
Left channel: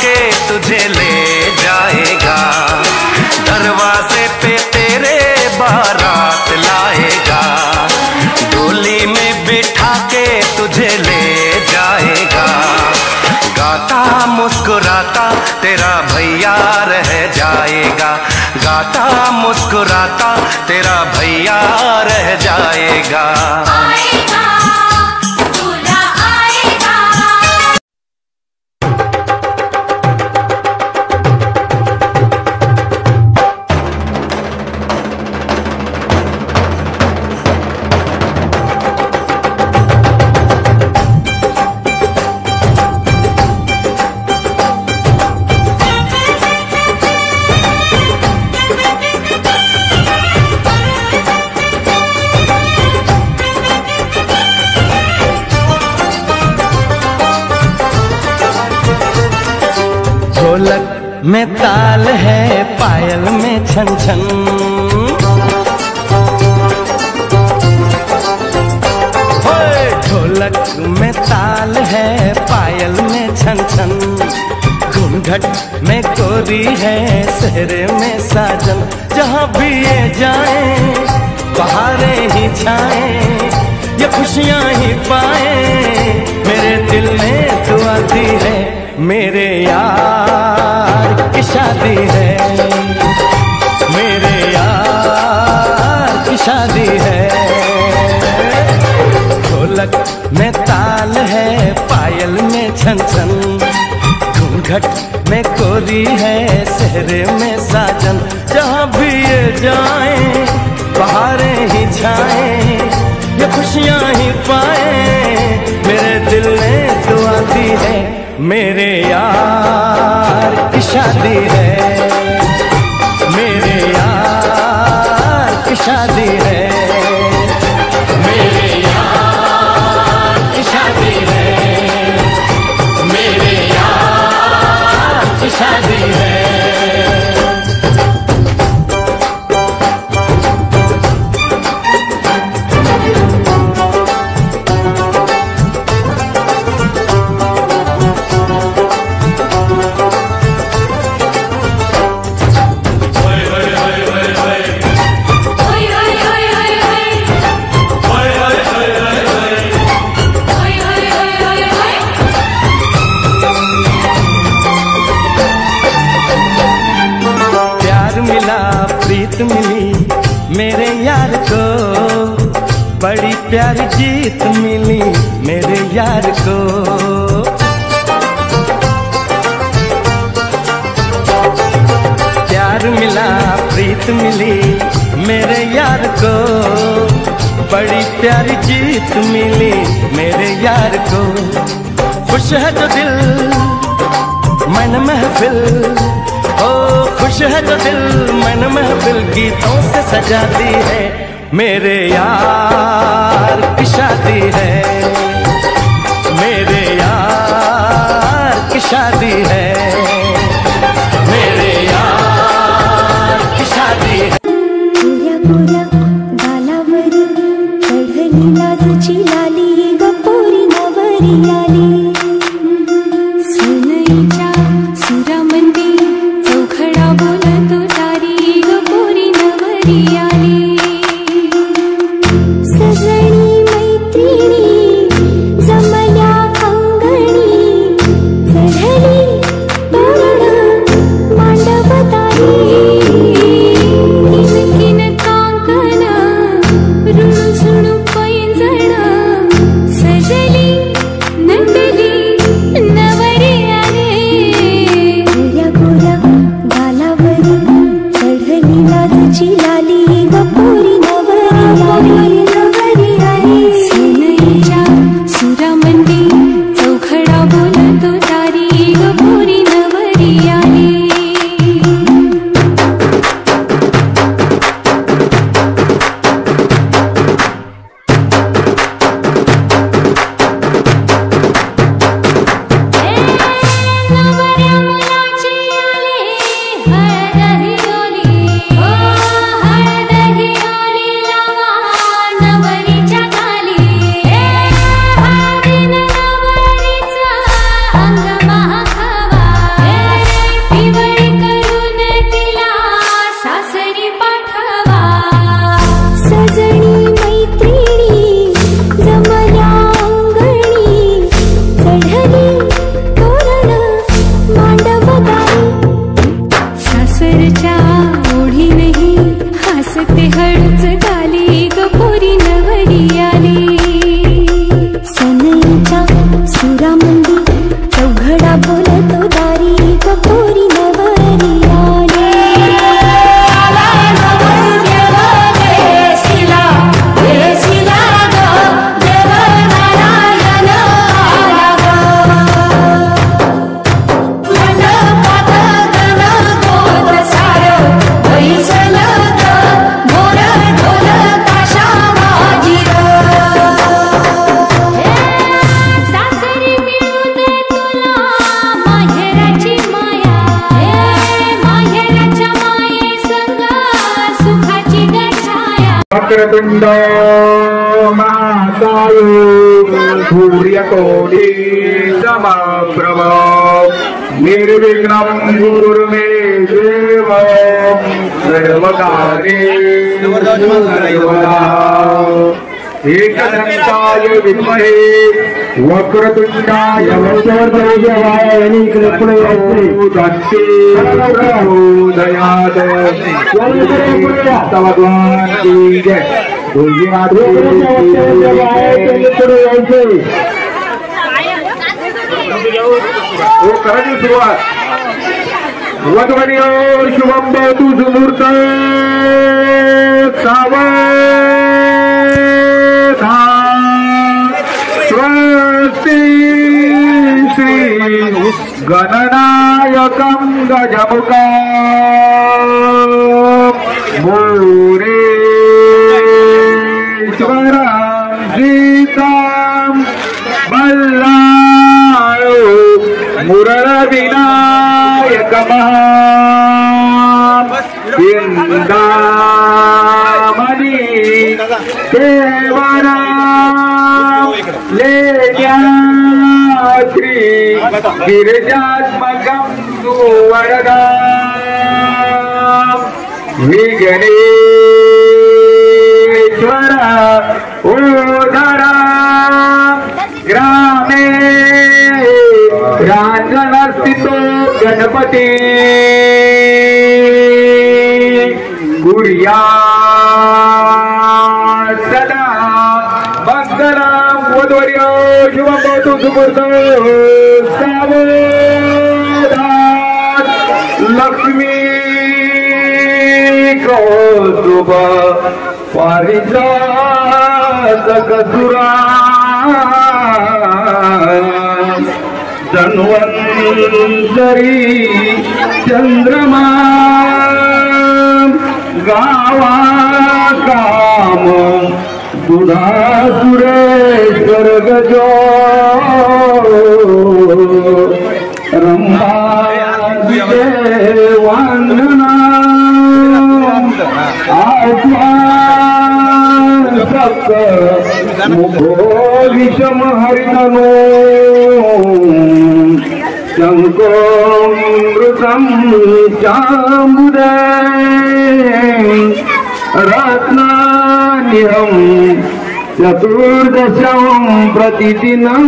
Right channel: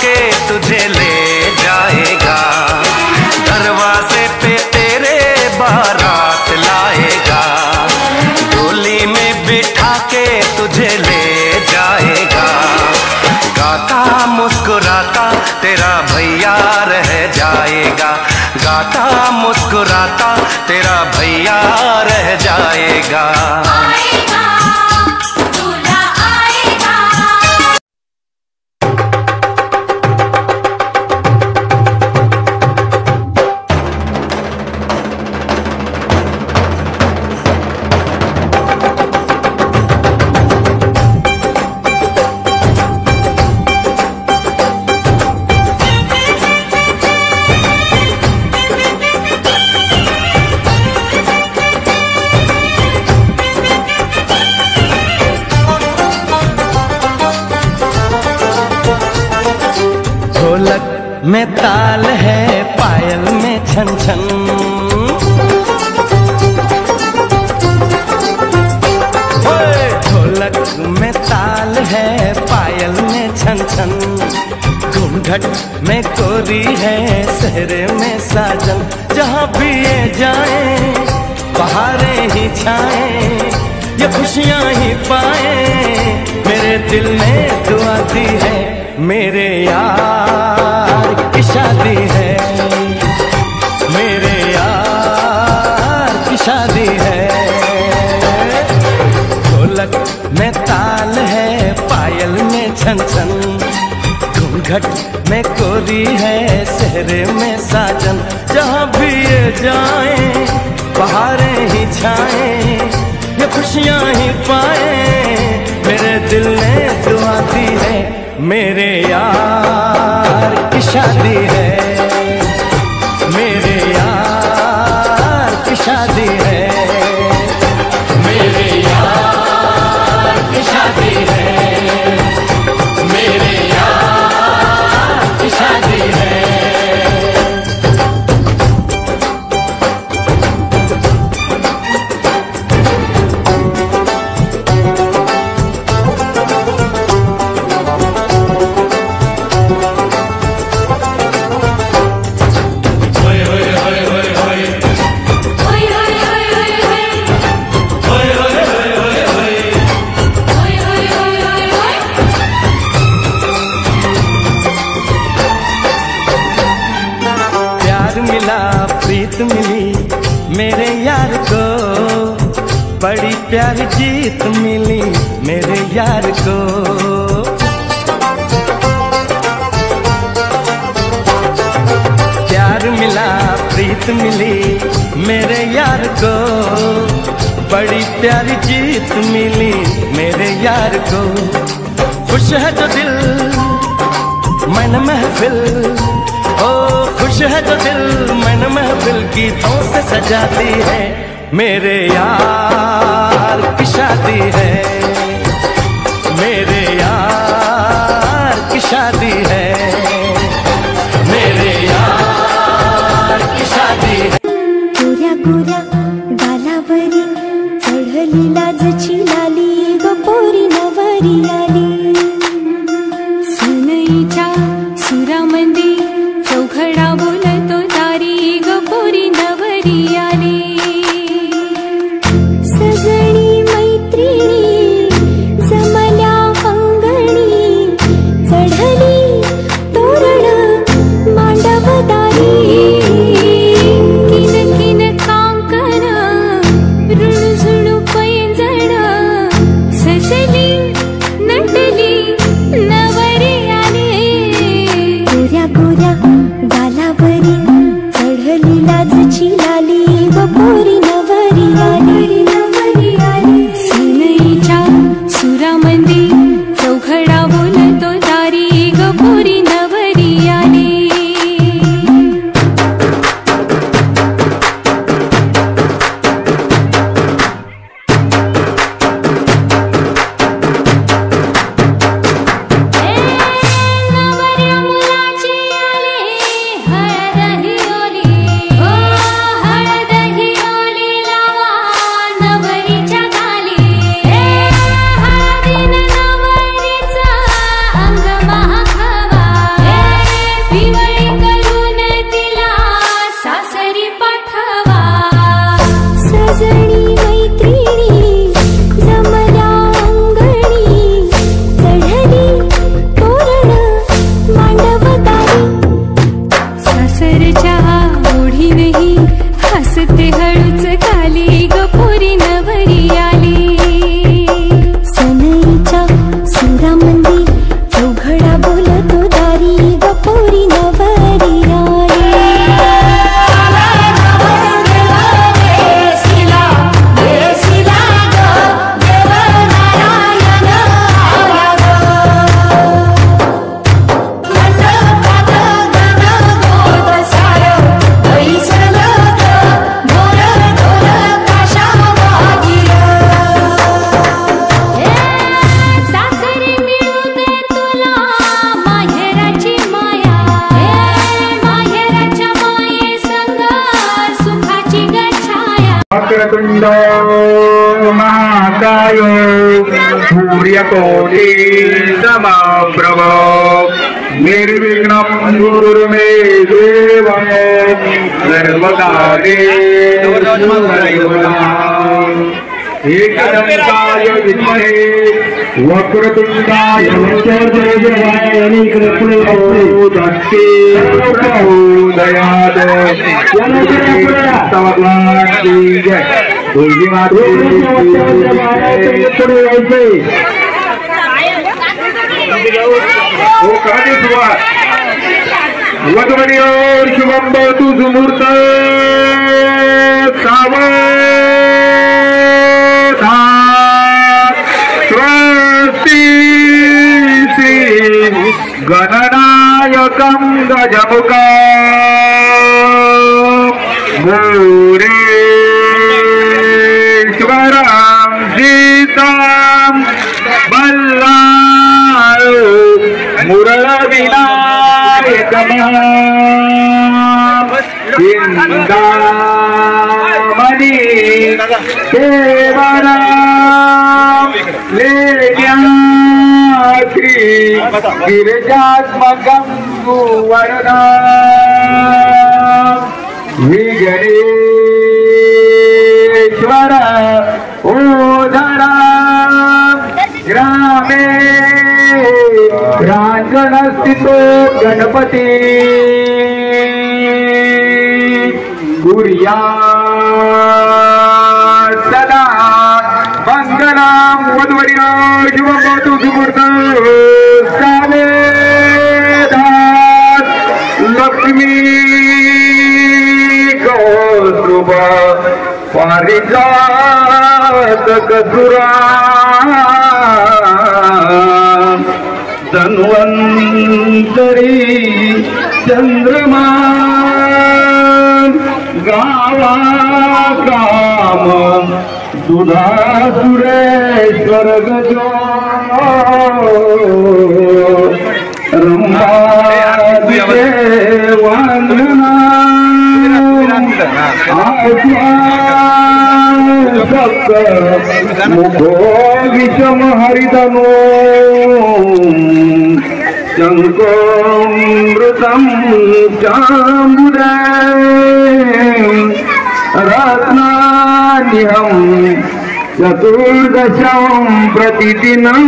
के तुझे ले जाएगा, दरवाजे पे तेरे बारात लाएगा, डोली में बिठा के तुझे ले जाएगा, गाता मुस्कुराता तेरा भैया रह जाएगा, गाता मुस्कुराता तेरा भैया रह जाएगा। आएगा दूल्हा आएगा। ढोलक में ताल है, पायल में छन छन, ओए ढोलक में ताल है, पायल में छन छन, घूंघट में गोरी है, सेहरे में साजन, जहाँ भी ये जाए बहारें ही छाए, ये खुशियाँ ही पाए, मेरे दिल में दुआ दी है, मेरे यार की शादी है, मेरे यार की शादी है। ढोलक में ताल है, पायल में छन छन, घूंघट में कोरी है, सेहरे में साजन, जहाँ भी ये जाए बहारें ही छाए, ये खुशियाँ ही पाए, मेरे दिल ने दुआ दी है, मेरे यार की शादी है, मेरे यार की शादी है, मेरे यार की शादी है, मेरे यार की शादी है। प्रीत मिली मेरे यार को, बड़ी प्यारी जीत मिली मेरे यार को, प्यार मिला प्रीत मिली मेरे यार को, बड़ी प्यारी जीत मिली मेरे यार को, खुश है जो दिल मन महफिल, ओ खुश है जो दिल मन महफिल, गीतों से सजाती है, मेरे यार की शादी है, मेरे यार की शादी है, मेरे यार की शादी है। Thank you. वक्रतुंड महाकाय सूर्यकोटि समप्रभ निर्विघ्नं गुरुर्मे देव सर्वकार्येषु सर्वदा एकदन्ताय विद्महे वक्रतुंडाय प्रचोदयात् भगवान की जय बोली माता वो करा सुरुवात वधवनियोर शुभम भवतु सुमुहूर्त श्री गणनायकं गजमुखं मुरेश्वरं सीतां बल्लाळ मुरविनायकमहामणि देवना लेण्यात्री गिरिजात्मकं सुवरदा विजनेश्वर ओधरा ग्रामे रांजनस्थितो गणपती कुर्यात् सदा मंगलम वधवर्यो शुभम भवतु सुमुहूर्त सावधान लक्ष्मी कौस्तुभ पारिजातक सुरा धन्वंतरी चंद्रमा गावा काम दुधा सुरेश्वर गजो रंभा देवांगना मुखो विषम हरितमो शंकोमृतं चामुदे रत्नान्यं चतुर्दशं प्रतिदिनं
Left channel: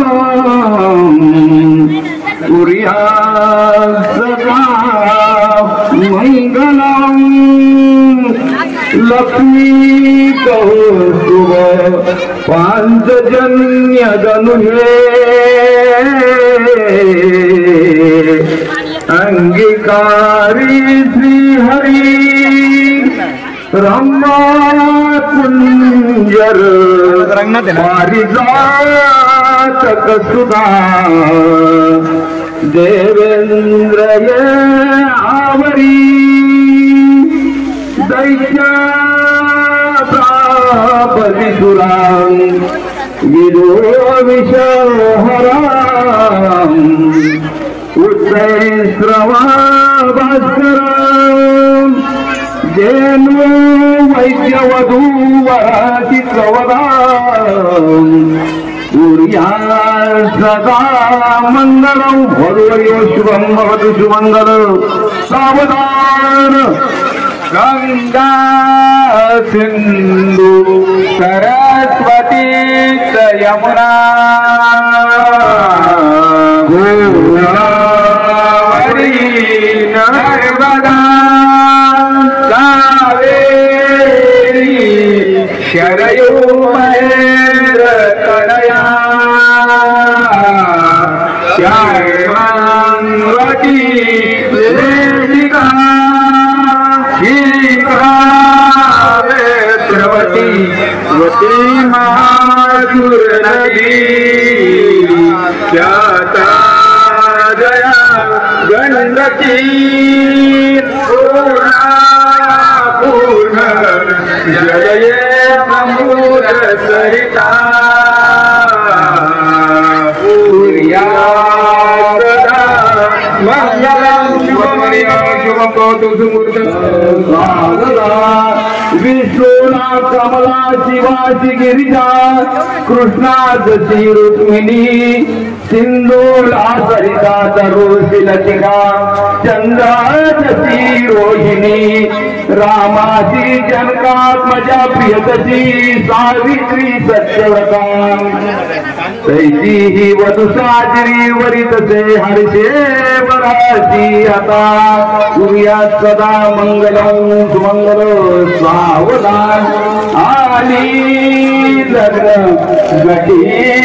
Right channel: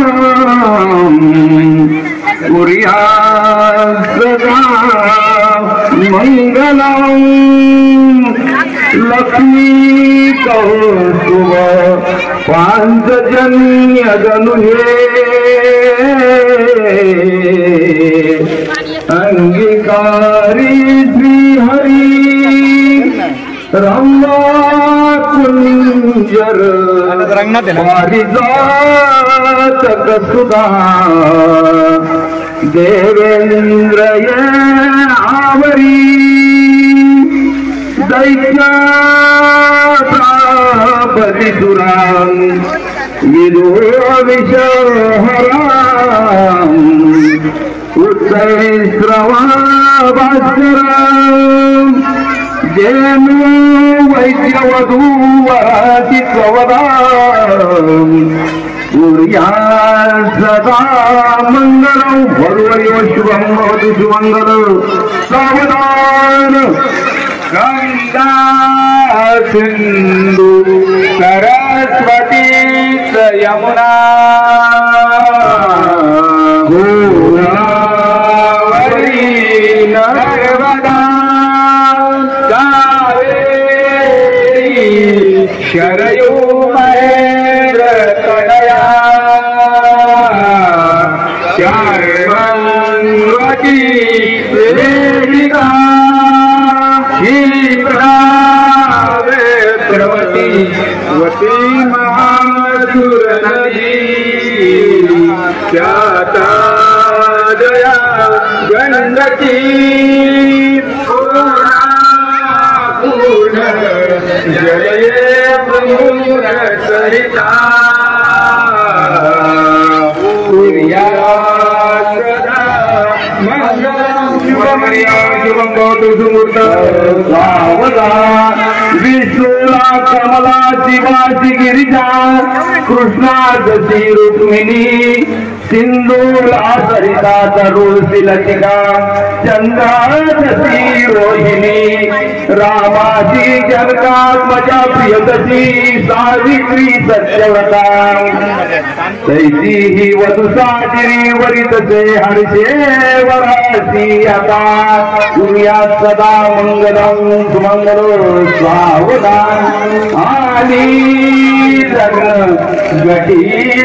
कुर्यात् सदा मंगलम् लक्ष्मी कौस्तुभ पांचजन्य गनुहे अंगीकारी श्री हरि रंगा कुंजर पारिजातक सुधा देवेंद्र ये आवरी दैत्यापतिसुरां विदुरविषहरां उच्चैस्रवा भास्करां जेनु वैद्यवधूवति त्ववदां कुर्यात् सदा मङ्गलं वधुवर्यो शुभं भवतु सुमङ्गलं सावधान गंगा सिंधु सरस्वती यमुना गोदावरी नर्मदा कावेरी शरयू महेन्द्र कनया चार्वती वेदिका वेत्रवती वती माधुर नदी ख्याता जया गंगती पूर्ण जलये समुद्र सरिता कुर्यात् सदा मंगलं शुभमया शुभ युवं भवतु सुमूर्त स्वागता विष्णुला कमला शिवाची गिरिजा कृष्णाची रुक्मिणी सिंधूला सरिता तरुषी लतिका चंद्राची रोहिणी रामाची जनकात्मजा प्रियतशी सावित्री सत्यव्रता तैसी ही वधू साजरी वरितसे हर्षे वराची आता तुर्या सदा मंगलम सुमंगल सावधान आणि लग्न गटी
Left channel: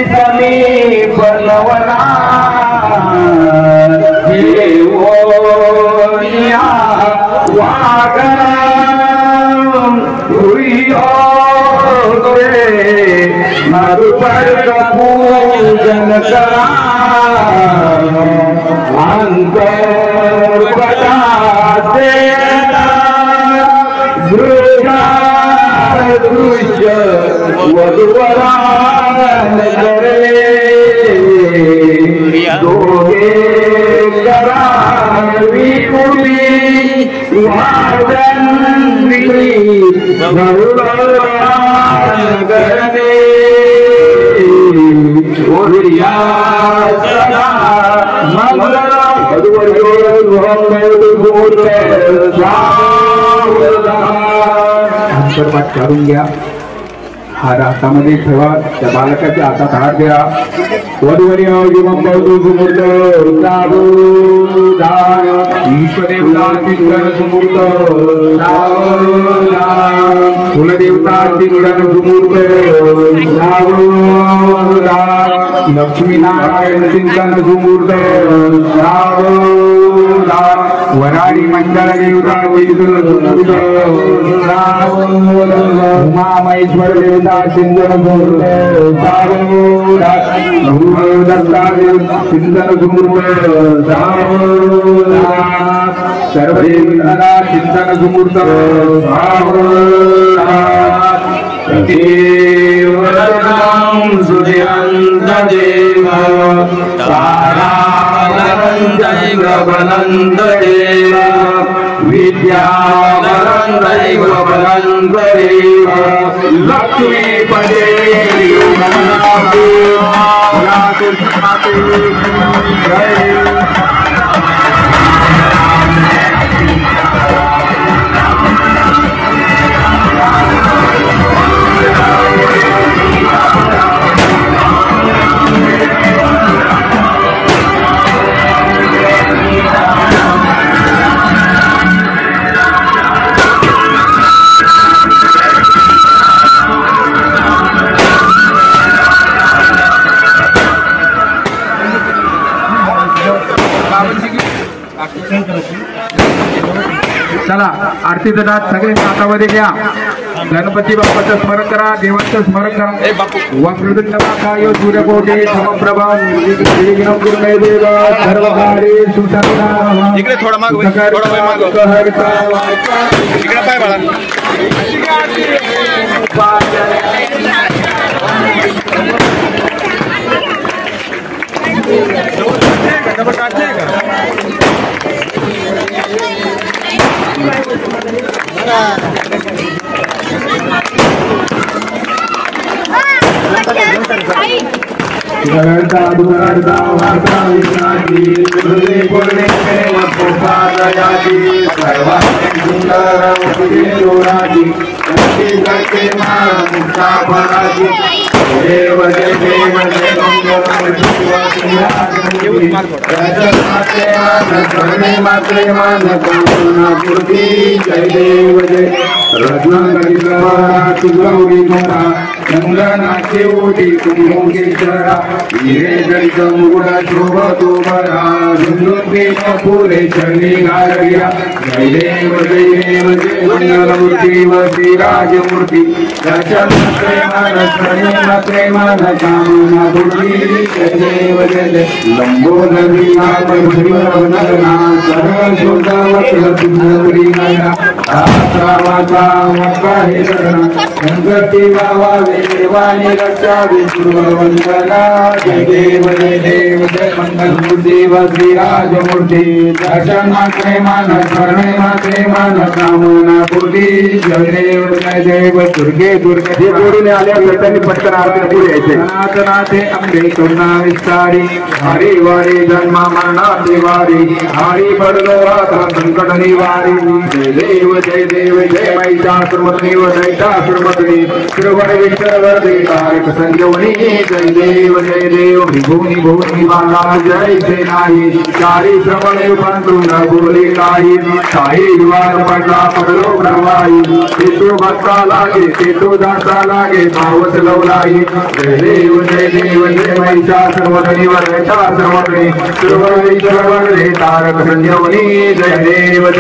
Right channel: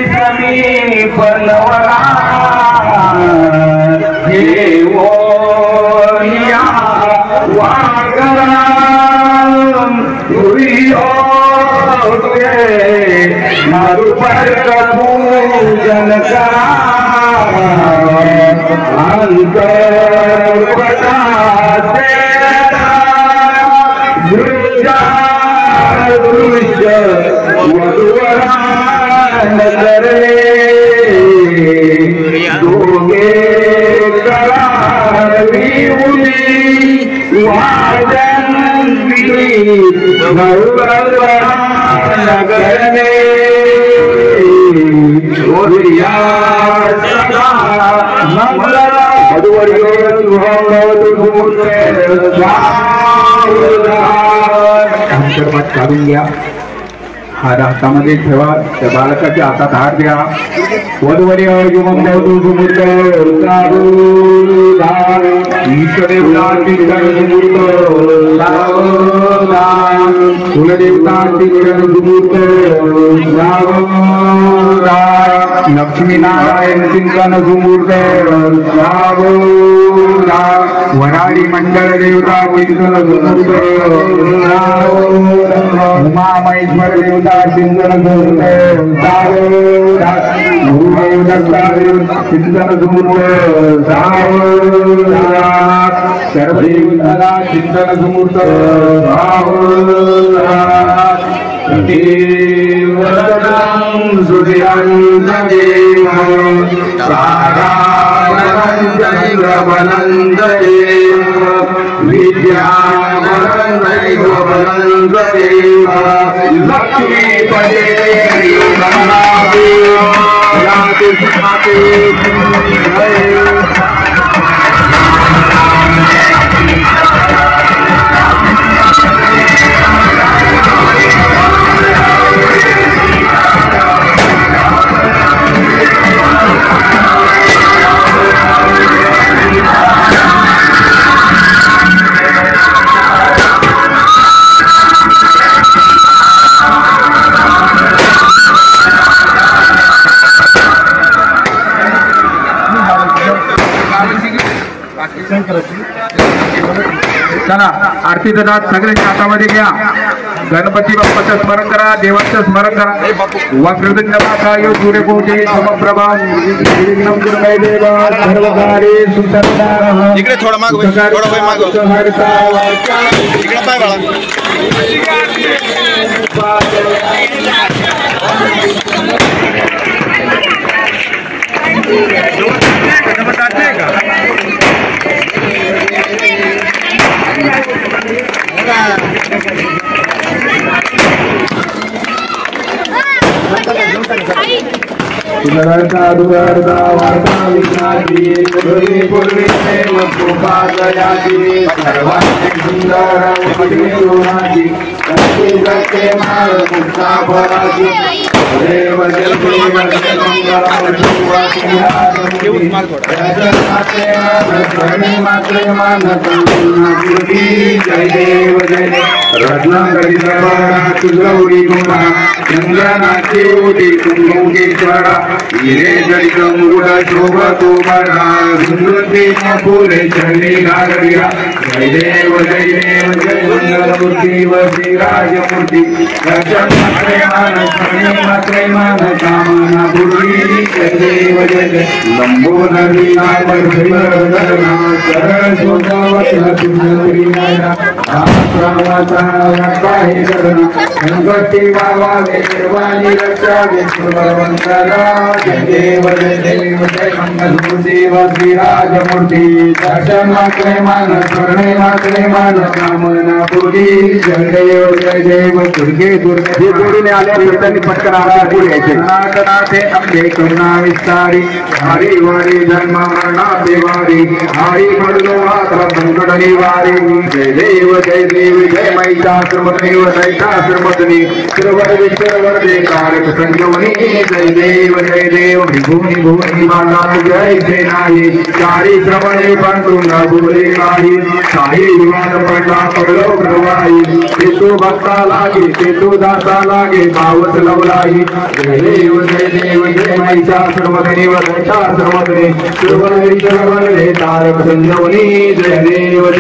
समीप नवरा हे ओया वागरा नरुपर पूजन करा दृश्य वधुवरा नगरे दोघे करावी वाजन नगरने शपथ काढून घ्या हार हातामध्ये ठेवा त्या बालकाच्या हातात हार द्या वधूवरी युवं भवतु सुमूर्त ईश्वरेवता चिंतन सुमूर्त कुलदेवता चिंतन सुमूर्त लक्ष्मीनारायण चिंतन सुमूर्त वराडी मंडळ देवता चिंतन सुमूर्त उमामहेश्वर देवता चिंतन सुमूर्त चिंतन सुमूर्त सर्वदेवता चिंतन सुमूर्त सुजयंतदेव तारानंदैव बलंदेव विद्याबलंदैव बलंदेव लक्ष्मीपदे चला आरतीचं नाच सगळ्यांच्या हातामध्ये घ्या गणपती बाप्पाचं स्मरण करा देवाचं स्मरण करा वक्रतुंड महाकाय सूर्यकोटी समप्रभा निर्विघ्नं कुरु देव सर्वकार्ये सुसर्वदा इकडे थोडा माग थोडा वय माग इकडे पाय बाळा दुर्गा वार्ता विश्रांती हृदय पूर्णे मधुपादयाती सर्वांगी सुंदर मुखी करते माळ मुक्ता फळाची देव जय देव जय मंगल जय देव जय रत्नाकरी गौरी गोरा चंद्रनाथे ओटी कुंभेश्वरा हिरे जडित मुरुड शोभतो बरा सुंदर फुले चंडी घालरिया जय देव जय मंगलमूर्ती वसी विराजमूर्ती दर्शन मात्रे मान शरणे मात्रे मान कामना पूर्वी जय देव जय देव लंबोदरी नाम हरिवंदना सरळ शोधावत सुंदरी नयना आशा माता वक्काहे शरणा गणपती वावा देवानी रक्षा विष्णुवंदना जय देव जय मंगल देव विराजमूर्ती दर्शन मात्रे मान शरणे मात्रे मान कामना पूर्वी जय देव दुर्गे दुर्गे जोडीने आल्या त्यांनी पटकन आरती पुढे यायचे नाथे अंबे करुणा विस्तारी हरी वारी जन्मा मरणा देवारी हरी पडलो आता संकट निवारी जय देव जय महिषासुरमर्दिनी दैत्यासुरमर्दिनी श्रीवर विश्वर दे तारक संजीवनी जय देव विभूनी भुवनी माता जय जय नाही चारी श्रवणे पांडुरंग बोले काही युवान पडला पडलो प्रवाही तेतू भक्ता लागे तेतू दासा लागे भावत लवलाई जय देव जय महिषासुरमर्दिनी दैत्यासुरमर्दिनी श्रीवर विश्वर दे तारक संजीवनी जय देव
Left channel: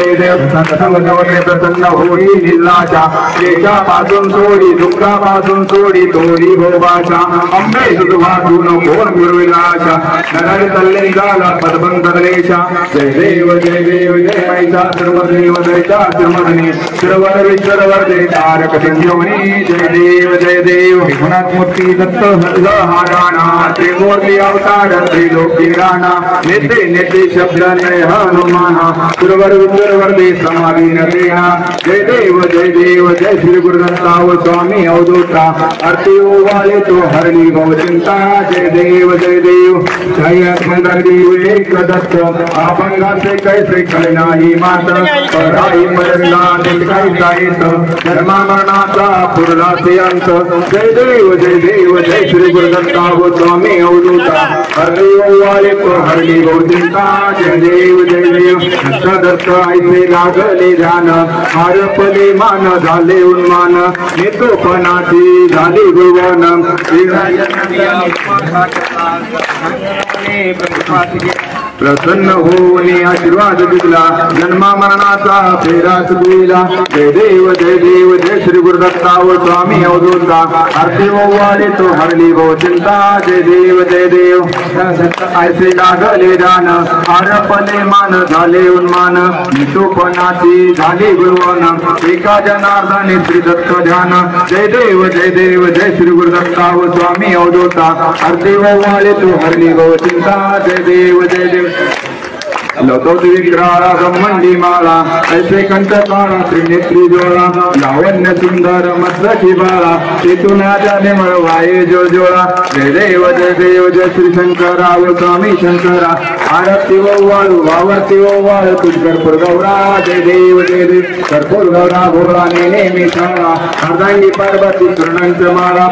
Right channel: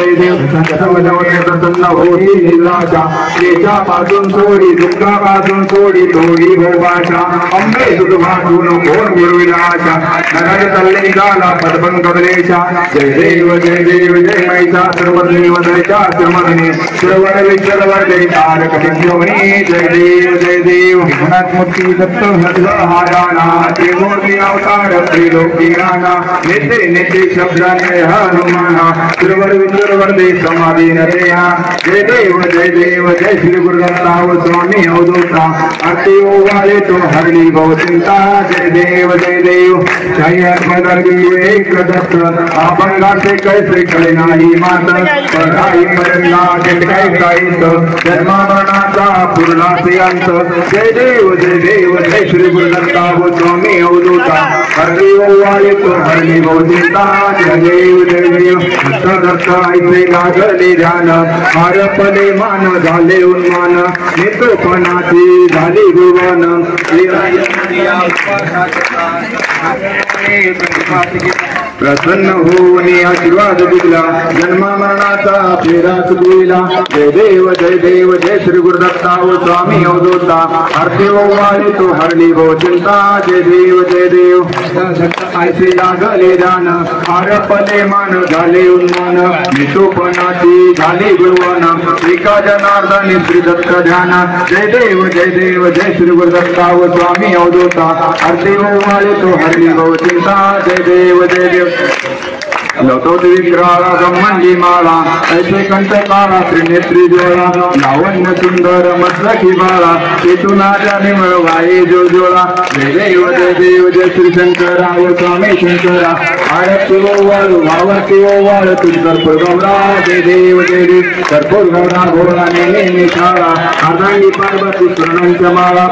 संतसंगवने प्रसन्न होई निराशा पासून सोडी दुःखापासून सोडी तोडी हो भाषा अंबे सुखभासून कोण मिळविल आशा नगर तल्ले निघाला पदपंकलेशा जय देव जय महिषासुरमर्दिनी दैत्यासुरमर्दिनी श्रीवर विश्वर दे तारक संजीवनी जय देव विघ्नात मूर्ती दत्त हल्ल हा गाणा त्रिमूर्ती अवतार त्रिलोकी राणा नेते शब्दाने हनुमाना श्रीवर विश्वर दे समाधीन देहा जय देव जय श्री गुरुदत्ताव स्वामी अवधूता आरती ओवाळे तो हरली भवचिंता जय देव जय एक दत्त अपंगाचे कैसे कळे नाही मात पराई मरला काहीच जन्मा मरणाचा पुरलाचे अंत जय देव जय श्री गुरुदत्ताव स्वामी अवधूता आरती ओवाळे तो हरली भवचिंता जय देव दत्त ऐसे लागले ध्यान आरपले मान झाले उन्मान नेतोपणाची झाली भुवन प्रसन्न होऊन आशीर्वाद दिला जन्मा मरणाचा फेरा सुगविला जय देव जय श्री गुरुदत्ताव स्वामी अवधूता आरती ओवाळे तो हरली भवचिंता जय देव ऐसे लागले ध्यान आरपले मान झाले उन्मान नेतोपणाची झाली भुवन एका जनार्दनी श्री दत्त ध्यान जय देव जय श्री गुरुदत्ताव स्वामी अवधूता आरती ओवाळे तो हरली भवचिंता जय देव लवतो विग्रहाला ब्रह्मंडी माळा ऐसे कंठ काळा त्रिनेत्री जोळा लावण्य सुंदर मस्तकी बाळा तेथून जाने मळवाये जो जोळा जय देव जय श्री शंकराव स्वामी शंकरा आरती ओवाळू वावरती ओवाळ तुझकर गौरा जय देव कर्पूर गौरा घोळा नेहमी शाळा अर्धांगी पार्वती चरणांच्या माळा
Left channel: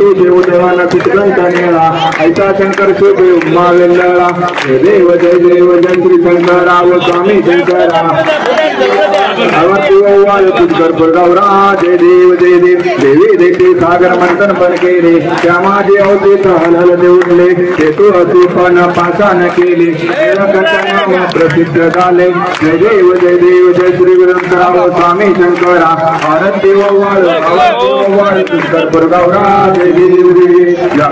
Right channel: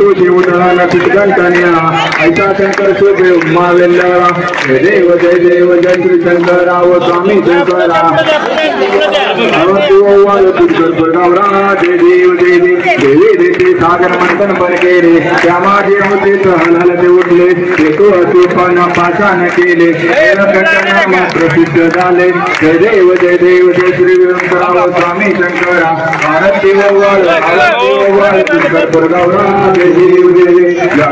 तुझे उदळाला पिटकंठ नेळा ऐसा शंकर शोभे उम्मा वेल्लळा जय देव जय श्री शंकराव स्वामी शंकरा आरती ओवाळ तुझकर गौरा जय देव देवी देते सागर मंथन पण केले त्या माझे अवधेत हलहलते उठले ते तो अतिपण पाषाण केले नाम प्रसिद्ध झाले जय देव जय श्री गुरुराव स्वामी शंकरा आरती ओवाळ तुझकर गौरा जय देव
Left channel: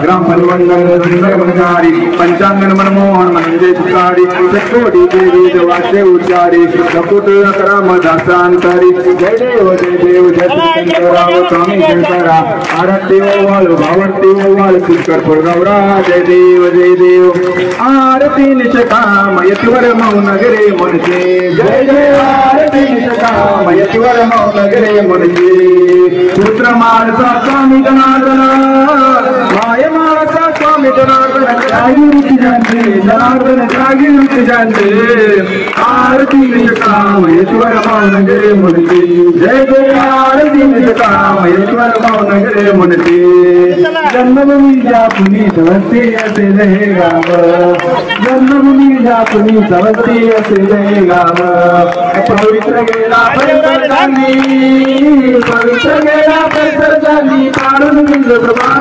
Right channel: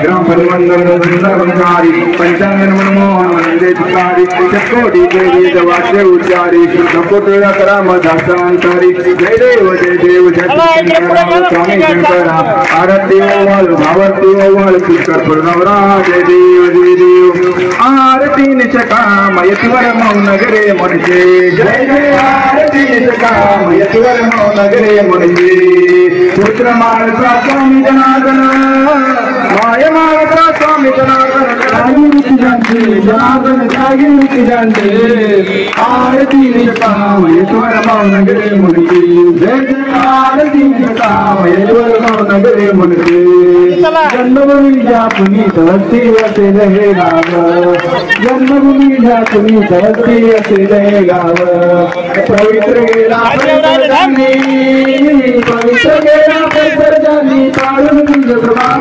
ग्राम परिमंडल सुंदर मनकारी पंचांगन मनमोहन मनंदे तुकारी कोटी देवी वाक्य उच्चारी नकोट राम दासांतारी जय देव शंकराव स्वामी शंकरा आरती ओवाळ भावरती ओवाळ तुझकर गौरा जय देव आरती निष्काम यश्वर मौन गिरे मुनचे जय आरती निष्काम यश्वर मौन गिरे मुनचे पुत्र माळसा स्वामी जनार्दन माय माळसा स्वामी जनार्दन जागी जानते आरती निष्काम यश्वर मौन गिरे मुनचे जय आरती निष्काम यश्वर मौन गिरे मुनचे जन्मभूमी जापुनी तवस्ते असे रहे गाव जन्मभूमी जापुनी तवस्ते असे रहे गाव पवित्र गेला परिसर जानी पाडून गेलो प्रभा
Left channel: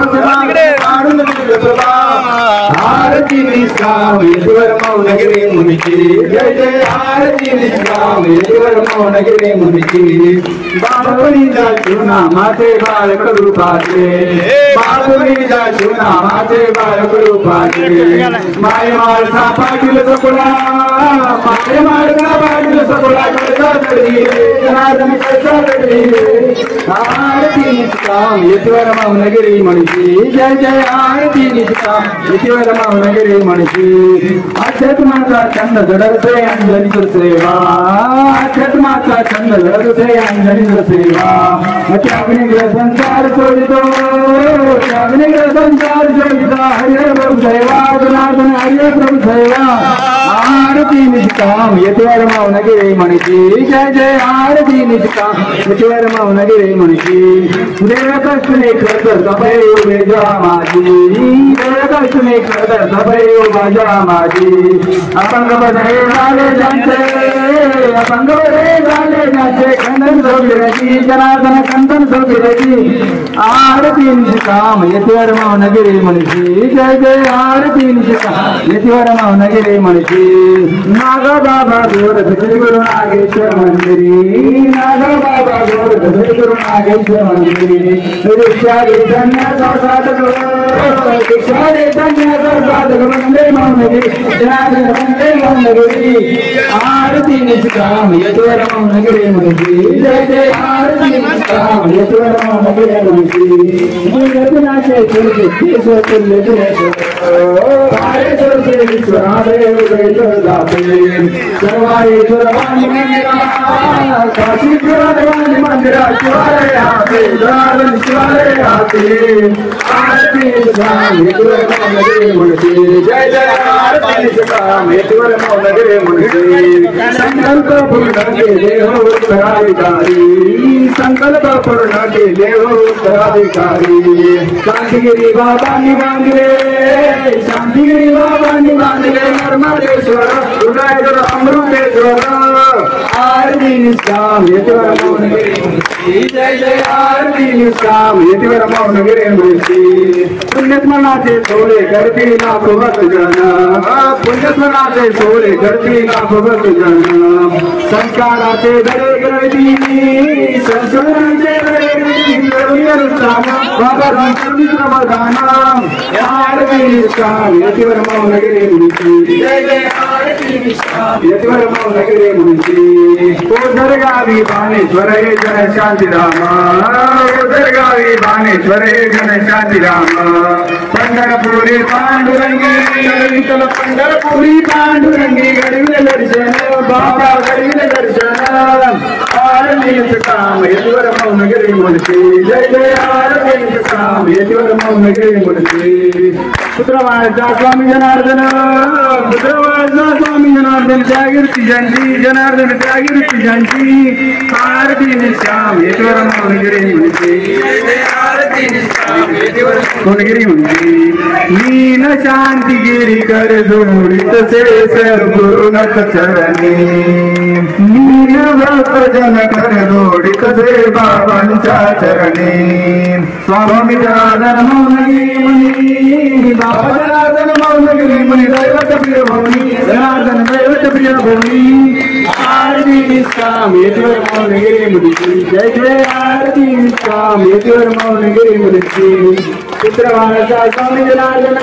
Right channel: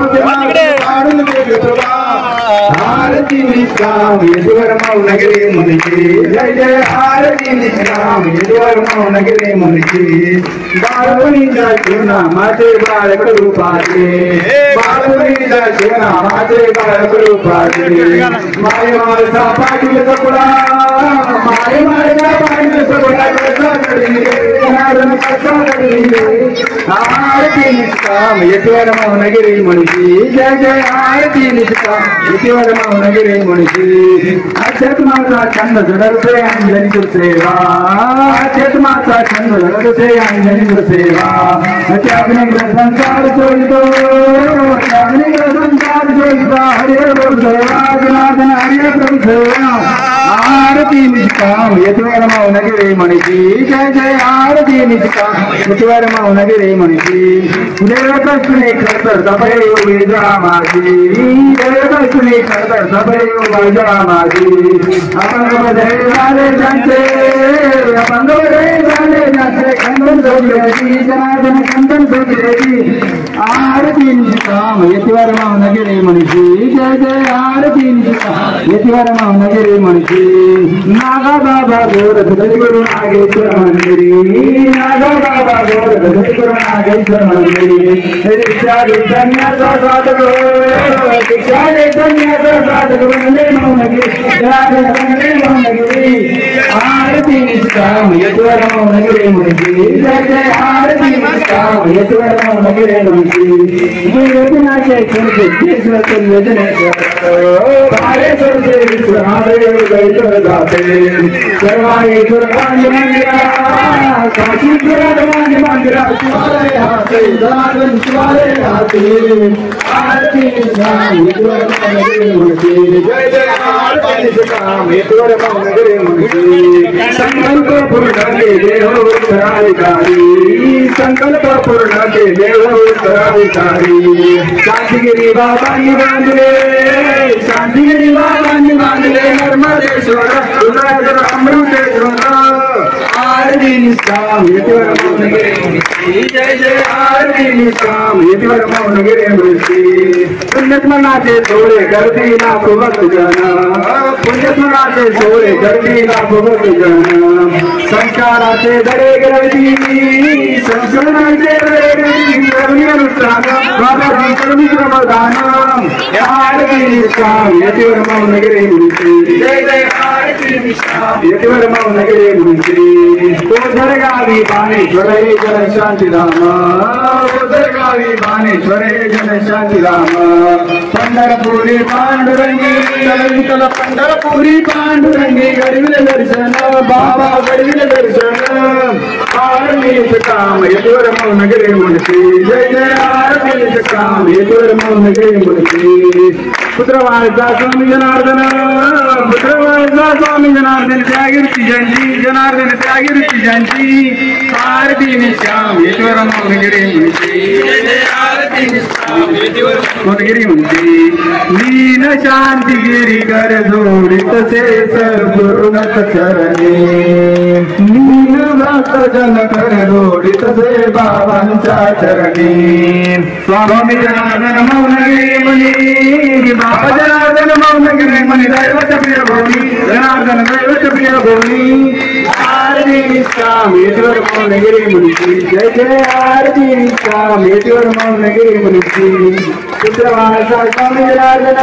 आरती निष्काम ईश्वर मौनगिरी मुनिची जय जय आरती निष्काम ईश्वर मौनगिरी मुनिची बाळपुरीचा शिवनामाचे बाळक रूपाचे बाळपुरीचा शिवनामाचे बाळक रूपाचे माय माळसा पाटील सकुळा माय माळसा पाटील सकुळा कसा घडली जनार्दन कसा घडली आरती निष्काम ईश्वर मौनगिरी मुनिची जय जय आरती निष्काम ईश्वर मौनगिरी मुनिची अध्यात्माचा छंद जडवते अंजनी सेवा अध्यात्माचा छंद जडवते अंजनी सेवा त्याग्निग्र संसार चोरितो त्याग्निग्र संसार चोरिता हरिय प्रभु दैवा जनार्दन हरिय प्रभु दैवा आरती निष्काम ईश्वर मौनगिरी मुनिची जय जय आरती निष्काम ईश्वर मौनगिरी मुनिची देवकष्टने खरतर सफाई उभी माझी देवकष्टने खरतर सफाई उभा माझी अपंग बधे झाले त्यांचे अपंग बधे झाले त्यांचे खंडन झोपल्याची जनार्दन खंडन झोपल्याची आरती निष्काम ईश्वर मौनगिरी मुनिची जय जय आरती निष्काम ईश्वर मौनगिरी मुनिची नागा बाबा गोर गुरु नागेश्वर मंदिरी नागा बाबा गोर गुरु नागेश्वर मंदिरी दीक्षा धन्याचा साधक दीक्षा धन्याचा साधक वंदे मौनगिरी वंदे मौनगिरी आरती निष्काम ईश्वर मौनगिरी मुनिची जय जय आरती निष्काम ईश्वर मौनगिरी मुनिची जगनाचे केशव तुल्य जनेश्वर से विश्वनादेव जयेश्वर जाते सर्वाईश्वर मंदिरा काशीश्वर मंदिरा शिवालय हाते जनार्दन शिवालय हाते आरती निष्काम ईश्वर मौनगिरी मुनिची जय जय आरती निष्काम ईश्वर मौनगिरी मुनिची संकल्प पूर्ण केले हो उत्तराधिकारी संकल्प पूर्ण केले हो उत्तराधिकारी शांतिगिरी बाबांनी बांधले शांतिगिरी बाबांनी बांधले नर्मदेश्वर उदयगर अमृतेश्वर आरती निष्काम ईश्वर मौनगिरी मुनिची जय जय आरती निष्काम ईश्वर मौनगिरी मुनिची पुण्यस्मरणाचे सोहळे करती लाख भक्तजन पुण्यस्मरणाचे सोहळे करती लाख भक्तजन संस्काराचे धडे ग्रहती संस्काराचे धडे ग्रहती अनुष्ठान बाबाजी करुणी प्रबोधान आरती निष्काम ईश्वर मौनगिरी मुनिची जय जय आरती निष्काम ईश्वर मौनगिरी मुनिची ओझरगावी बाणेश्वर हे जन शांतीराम ओझरगावी बाणेश्वर हे जन शांतीराम पंढरपुरी पांडुरंगी विठ्ठल पंढरपुरी पांडुरंगी घडविले दर्शन बाबा घडविले दर्शन आरती निष्काम ईश्वर मौनगिरी मुनिची जय जय आरती निष्काम ईश्वर मौनगिरी मुनिची पुत्रवाळचा स्वामी जनार्दन पुत्रवाळचा स्वामी जनार्दन त्यागिरची जयंती जनार्दन त्यागिरची जयंती आरती निष्काम ईश्वर मौनगिरी मुनिची जय जय आरती निष्काम ईश्वर मौनगिरी मुनिची लीन शांती गिरी कर जोडित से सर्वगुरुनाथ चरणी लीन भक्तजन कर जोडित से बाबांच्या चरणी स्वामी जनार्दन मौनगिरी मुनी बाबा जनार्दन मौनगिरी मुनी दैवत प्रियभूमी जनार्दन दैवत प्रियभूमी आरती निष्काम ईश्वर मौनगिरी मुनिची जय जय आरती निष्काम ईश्वर मौनगिरी मुनिची पुत्रवाळचा स्वामी जनार्दन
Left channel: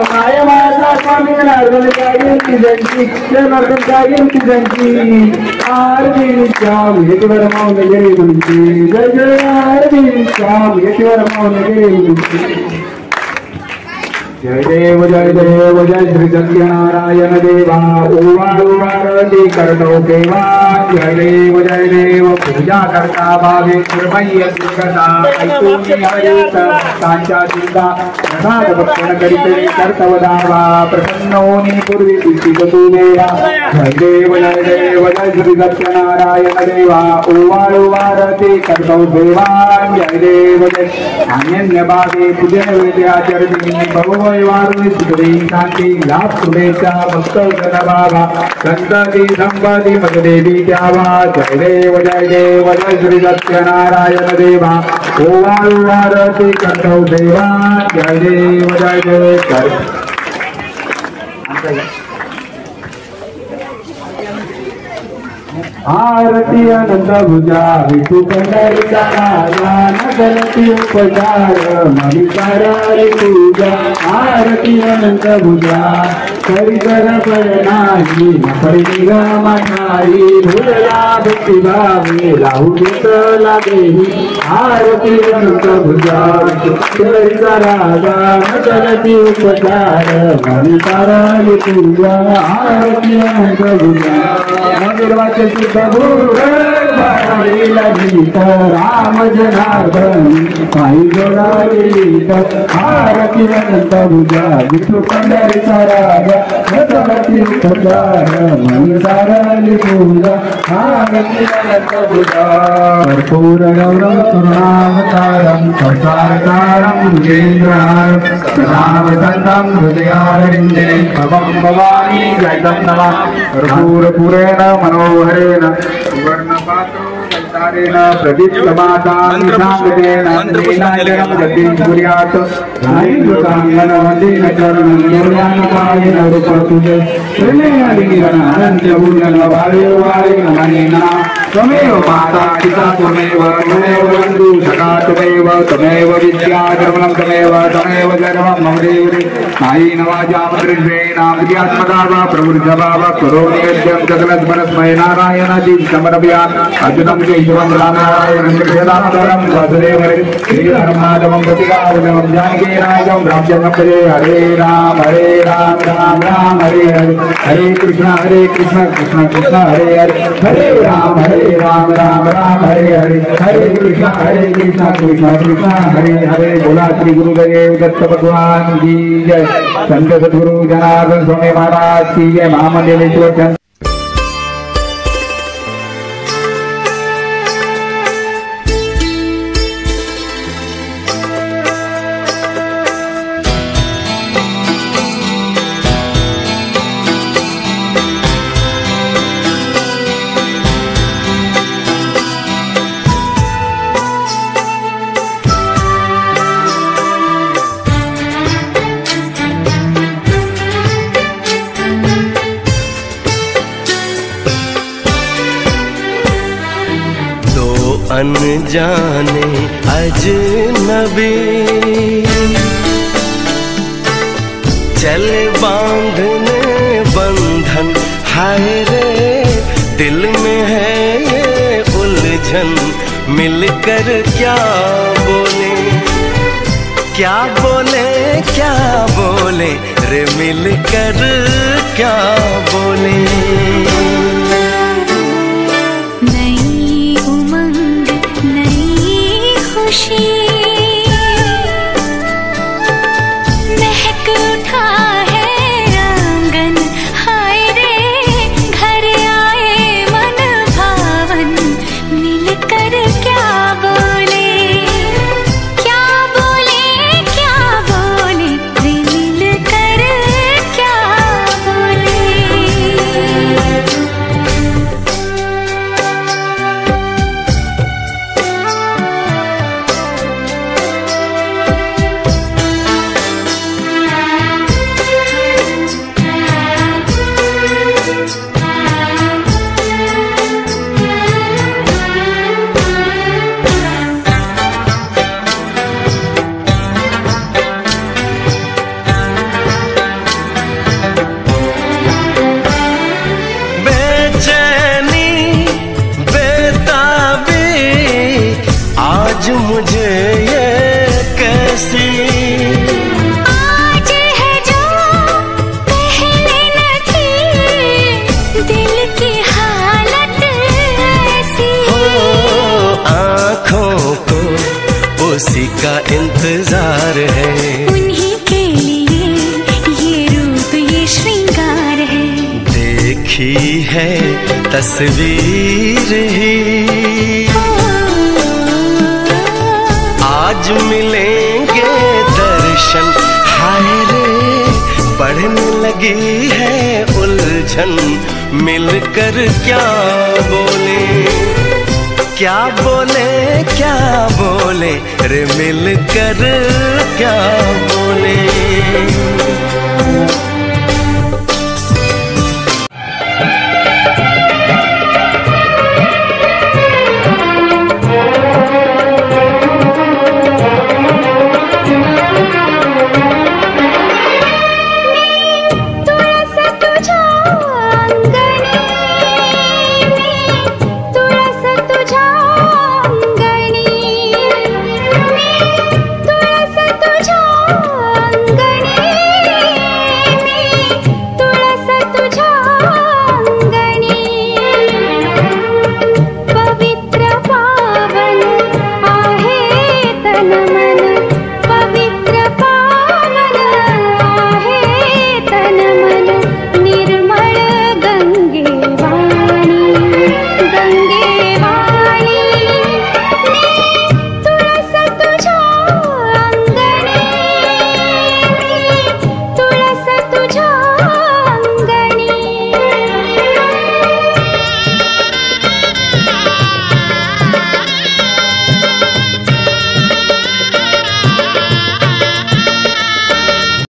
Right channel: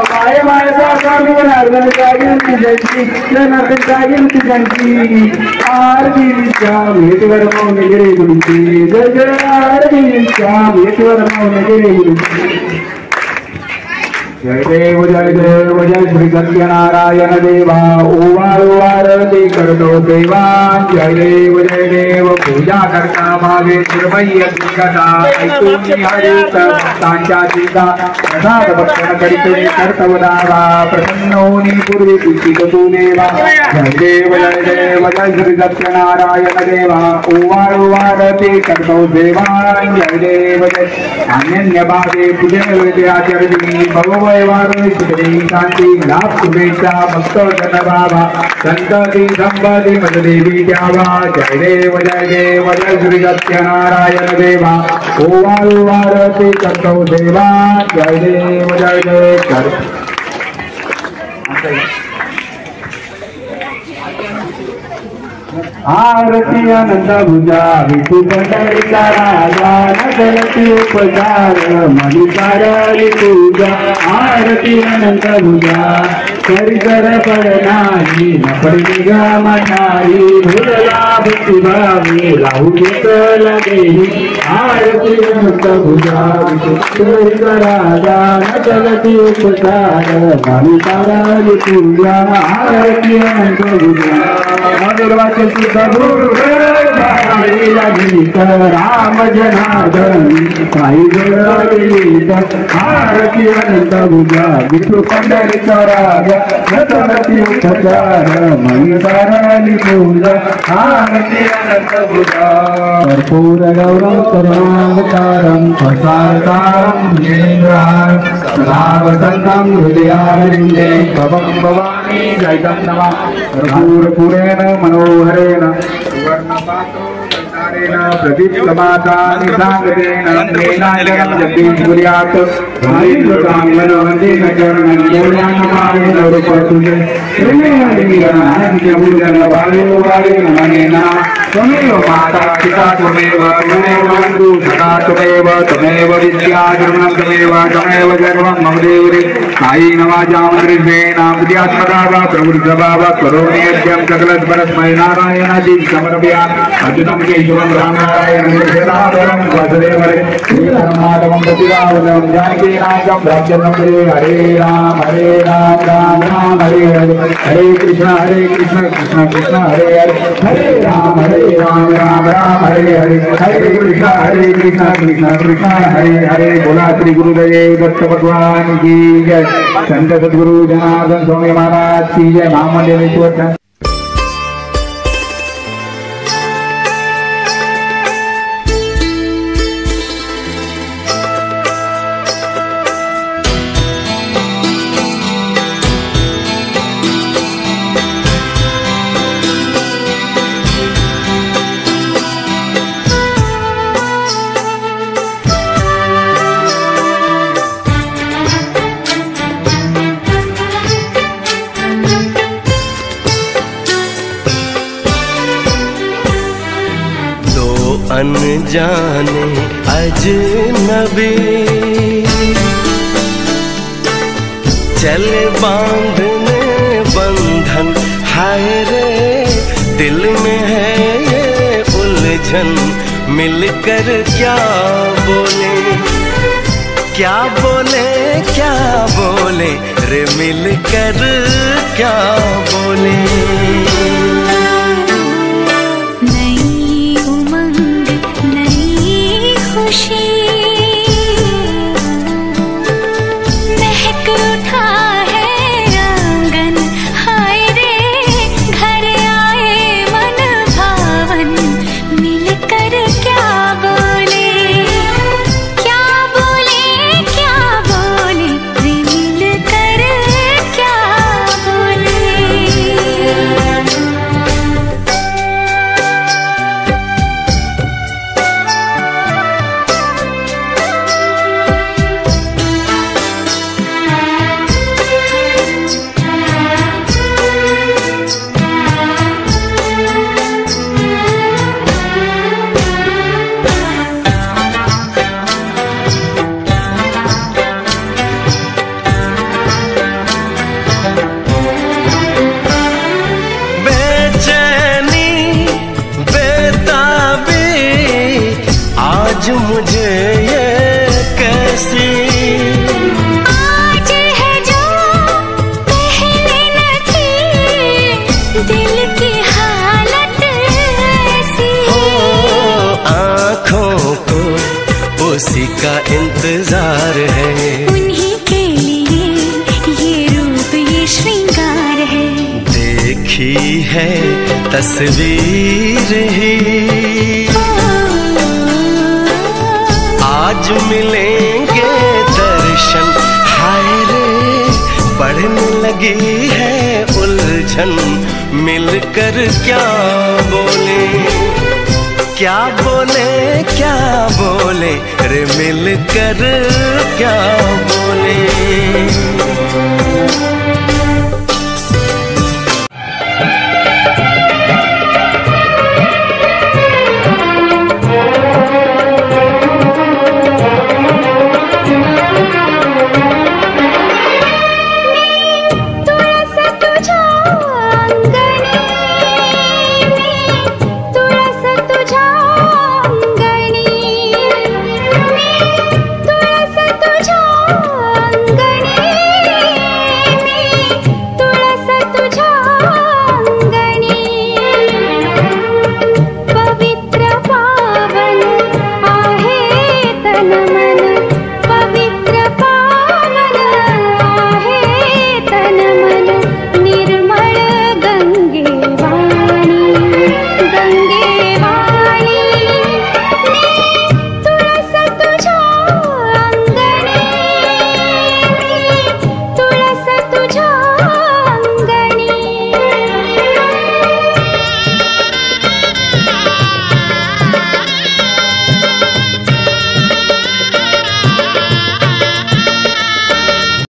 माय माळचा स्वामी जनार्दन त्यागिरची जयंती जनार्दन त्यागिरची जयंती आरती निष्काम ईश्वर मौनगिरी मुनिची जय जय आरती निष्काम ईश्वर मौनगिरी मुनिची जय देव जय श्री सत्यनारायण देवा ओवारती करतो देवा जय देव पूजा करता भावे निर्मय्य कथा ऐकून हरे भक्तांच्या चिंता प्रसाद भक्षण करीते कर्तवदावा प्रसन्नोनी पूर्वी इच्छित तू देवा जय देव जय श्री सत्यनारायण देवा ओवारती करतो देवा जय देव जय अन्य भावे पूजन विद्याचरणी भगव शांती लाभ शुभेच्छा भक्त जन बाबा संतती संपत्ती मददेवी द्यावा जय देव जय श्री सत्यनारायण देवा ओवारती करतो देवा जय देव जय कर आरती अनंत भुजा विठू पंढरीचा राजा नगरती उपकार मणिकारारी तुझा आरती अनंत भुजा परिकर पडणारी नपडी निगमठाई भुजला भक्ती भावे राहू देत लागेही आरती अनंत भुजा विठू पंढरीचा राजा नगरती उपकार मणिकारारी तुझा आरती अनंत भुजा राम जनार्दन साई जोडाली आरती अनंत भुजा विठू पंढरीचा राजा नगरती उपकार मणिकारारी पूजा आरती अनंत भुजा कर्पूर गौरव करुणावतारं प्रसारकारं जेन्द्रं नावसन्तं हृदयारविन्दे भवं भवानी जयतं नमः कर्पूरपुरेण मनोहरेण सुवर्णपात्रं प्रदीप्तमातानिसागरेण नीलायनं जगदीशपुर्यात् नारीकाङ्गनवन्देन चरणं योगानुपायेन रूपतुजे प्रेमयादिगिरणनन्त्यभूजनभावेवारेण मनेन त्वमेव माता पिता त्वमेव बन्धु सखा त्वमेव त्वमेव विद्या धर्मं त्वमेव सर्वं मम देवि कायेन वाचा मनसेन विद्यात्मका वा प्रवृद्धवा वा करोमीयं सकलस्मरस्मय नारायणादि समर्पयामि अद्भुतं केशवं रामायणं जनार्दनं वासुदेवं श्रीराममाधवं प्रतिगावनं जानकीनाथं रामचन्द्रं हरे राम राम राम हरे हरे हरे कृष्ण कृष्ण कृष्ण हरे हरे हरे राम राम राम हरे हरे हरे कृष्ण कृष्ण कृष्ण हरे हरे बोला श्री गुरुदेव दत्त भगवान की जय। संत सद्गुरु जनार्दन स्वामी महाराज की जय। महामंडलेश्वर अनजाने अजनबी चले बांधने बंधन हाय रे दिल में है ये उलझन मिलकर क्या बोले क्या बोले क्या बोले रे मिलकर क्या बोले। महक उठा है आंगन हाय रे घर आए मन भावन मिलकर क्या बोले क्या बोले क्या बोले रे मिलकर क्या बोले। आज मुझे ये कैसी आज है जो पहले न थी दिल की हालत ऐसी हो आँखों को उसी का इंतजार है उन्हीं के लिए ये रूप ये श्रृंगार है देखी है तस्वीर ही आज मिलेंगे दर्शन हाय रे बढ़ने लगी है उलझन मिलकर क्या बोले क्या बोले क्या बोले रे मिलकर क्या बोले।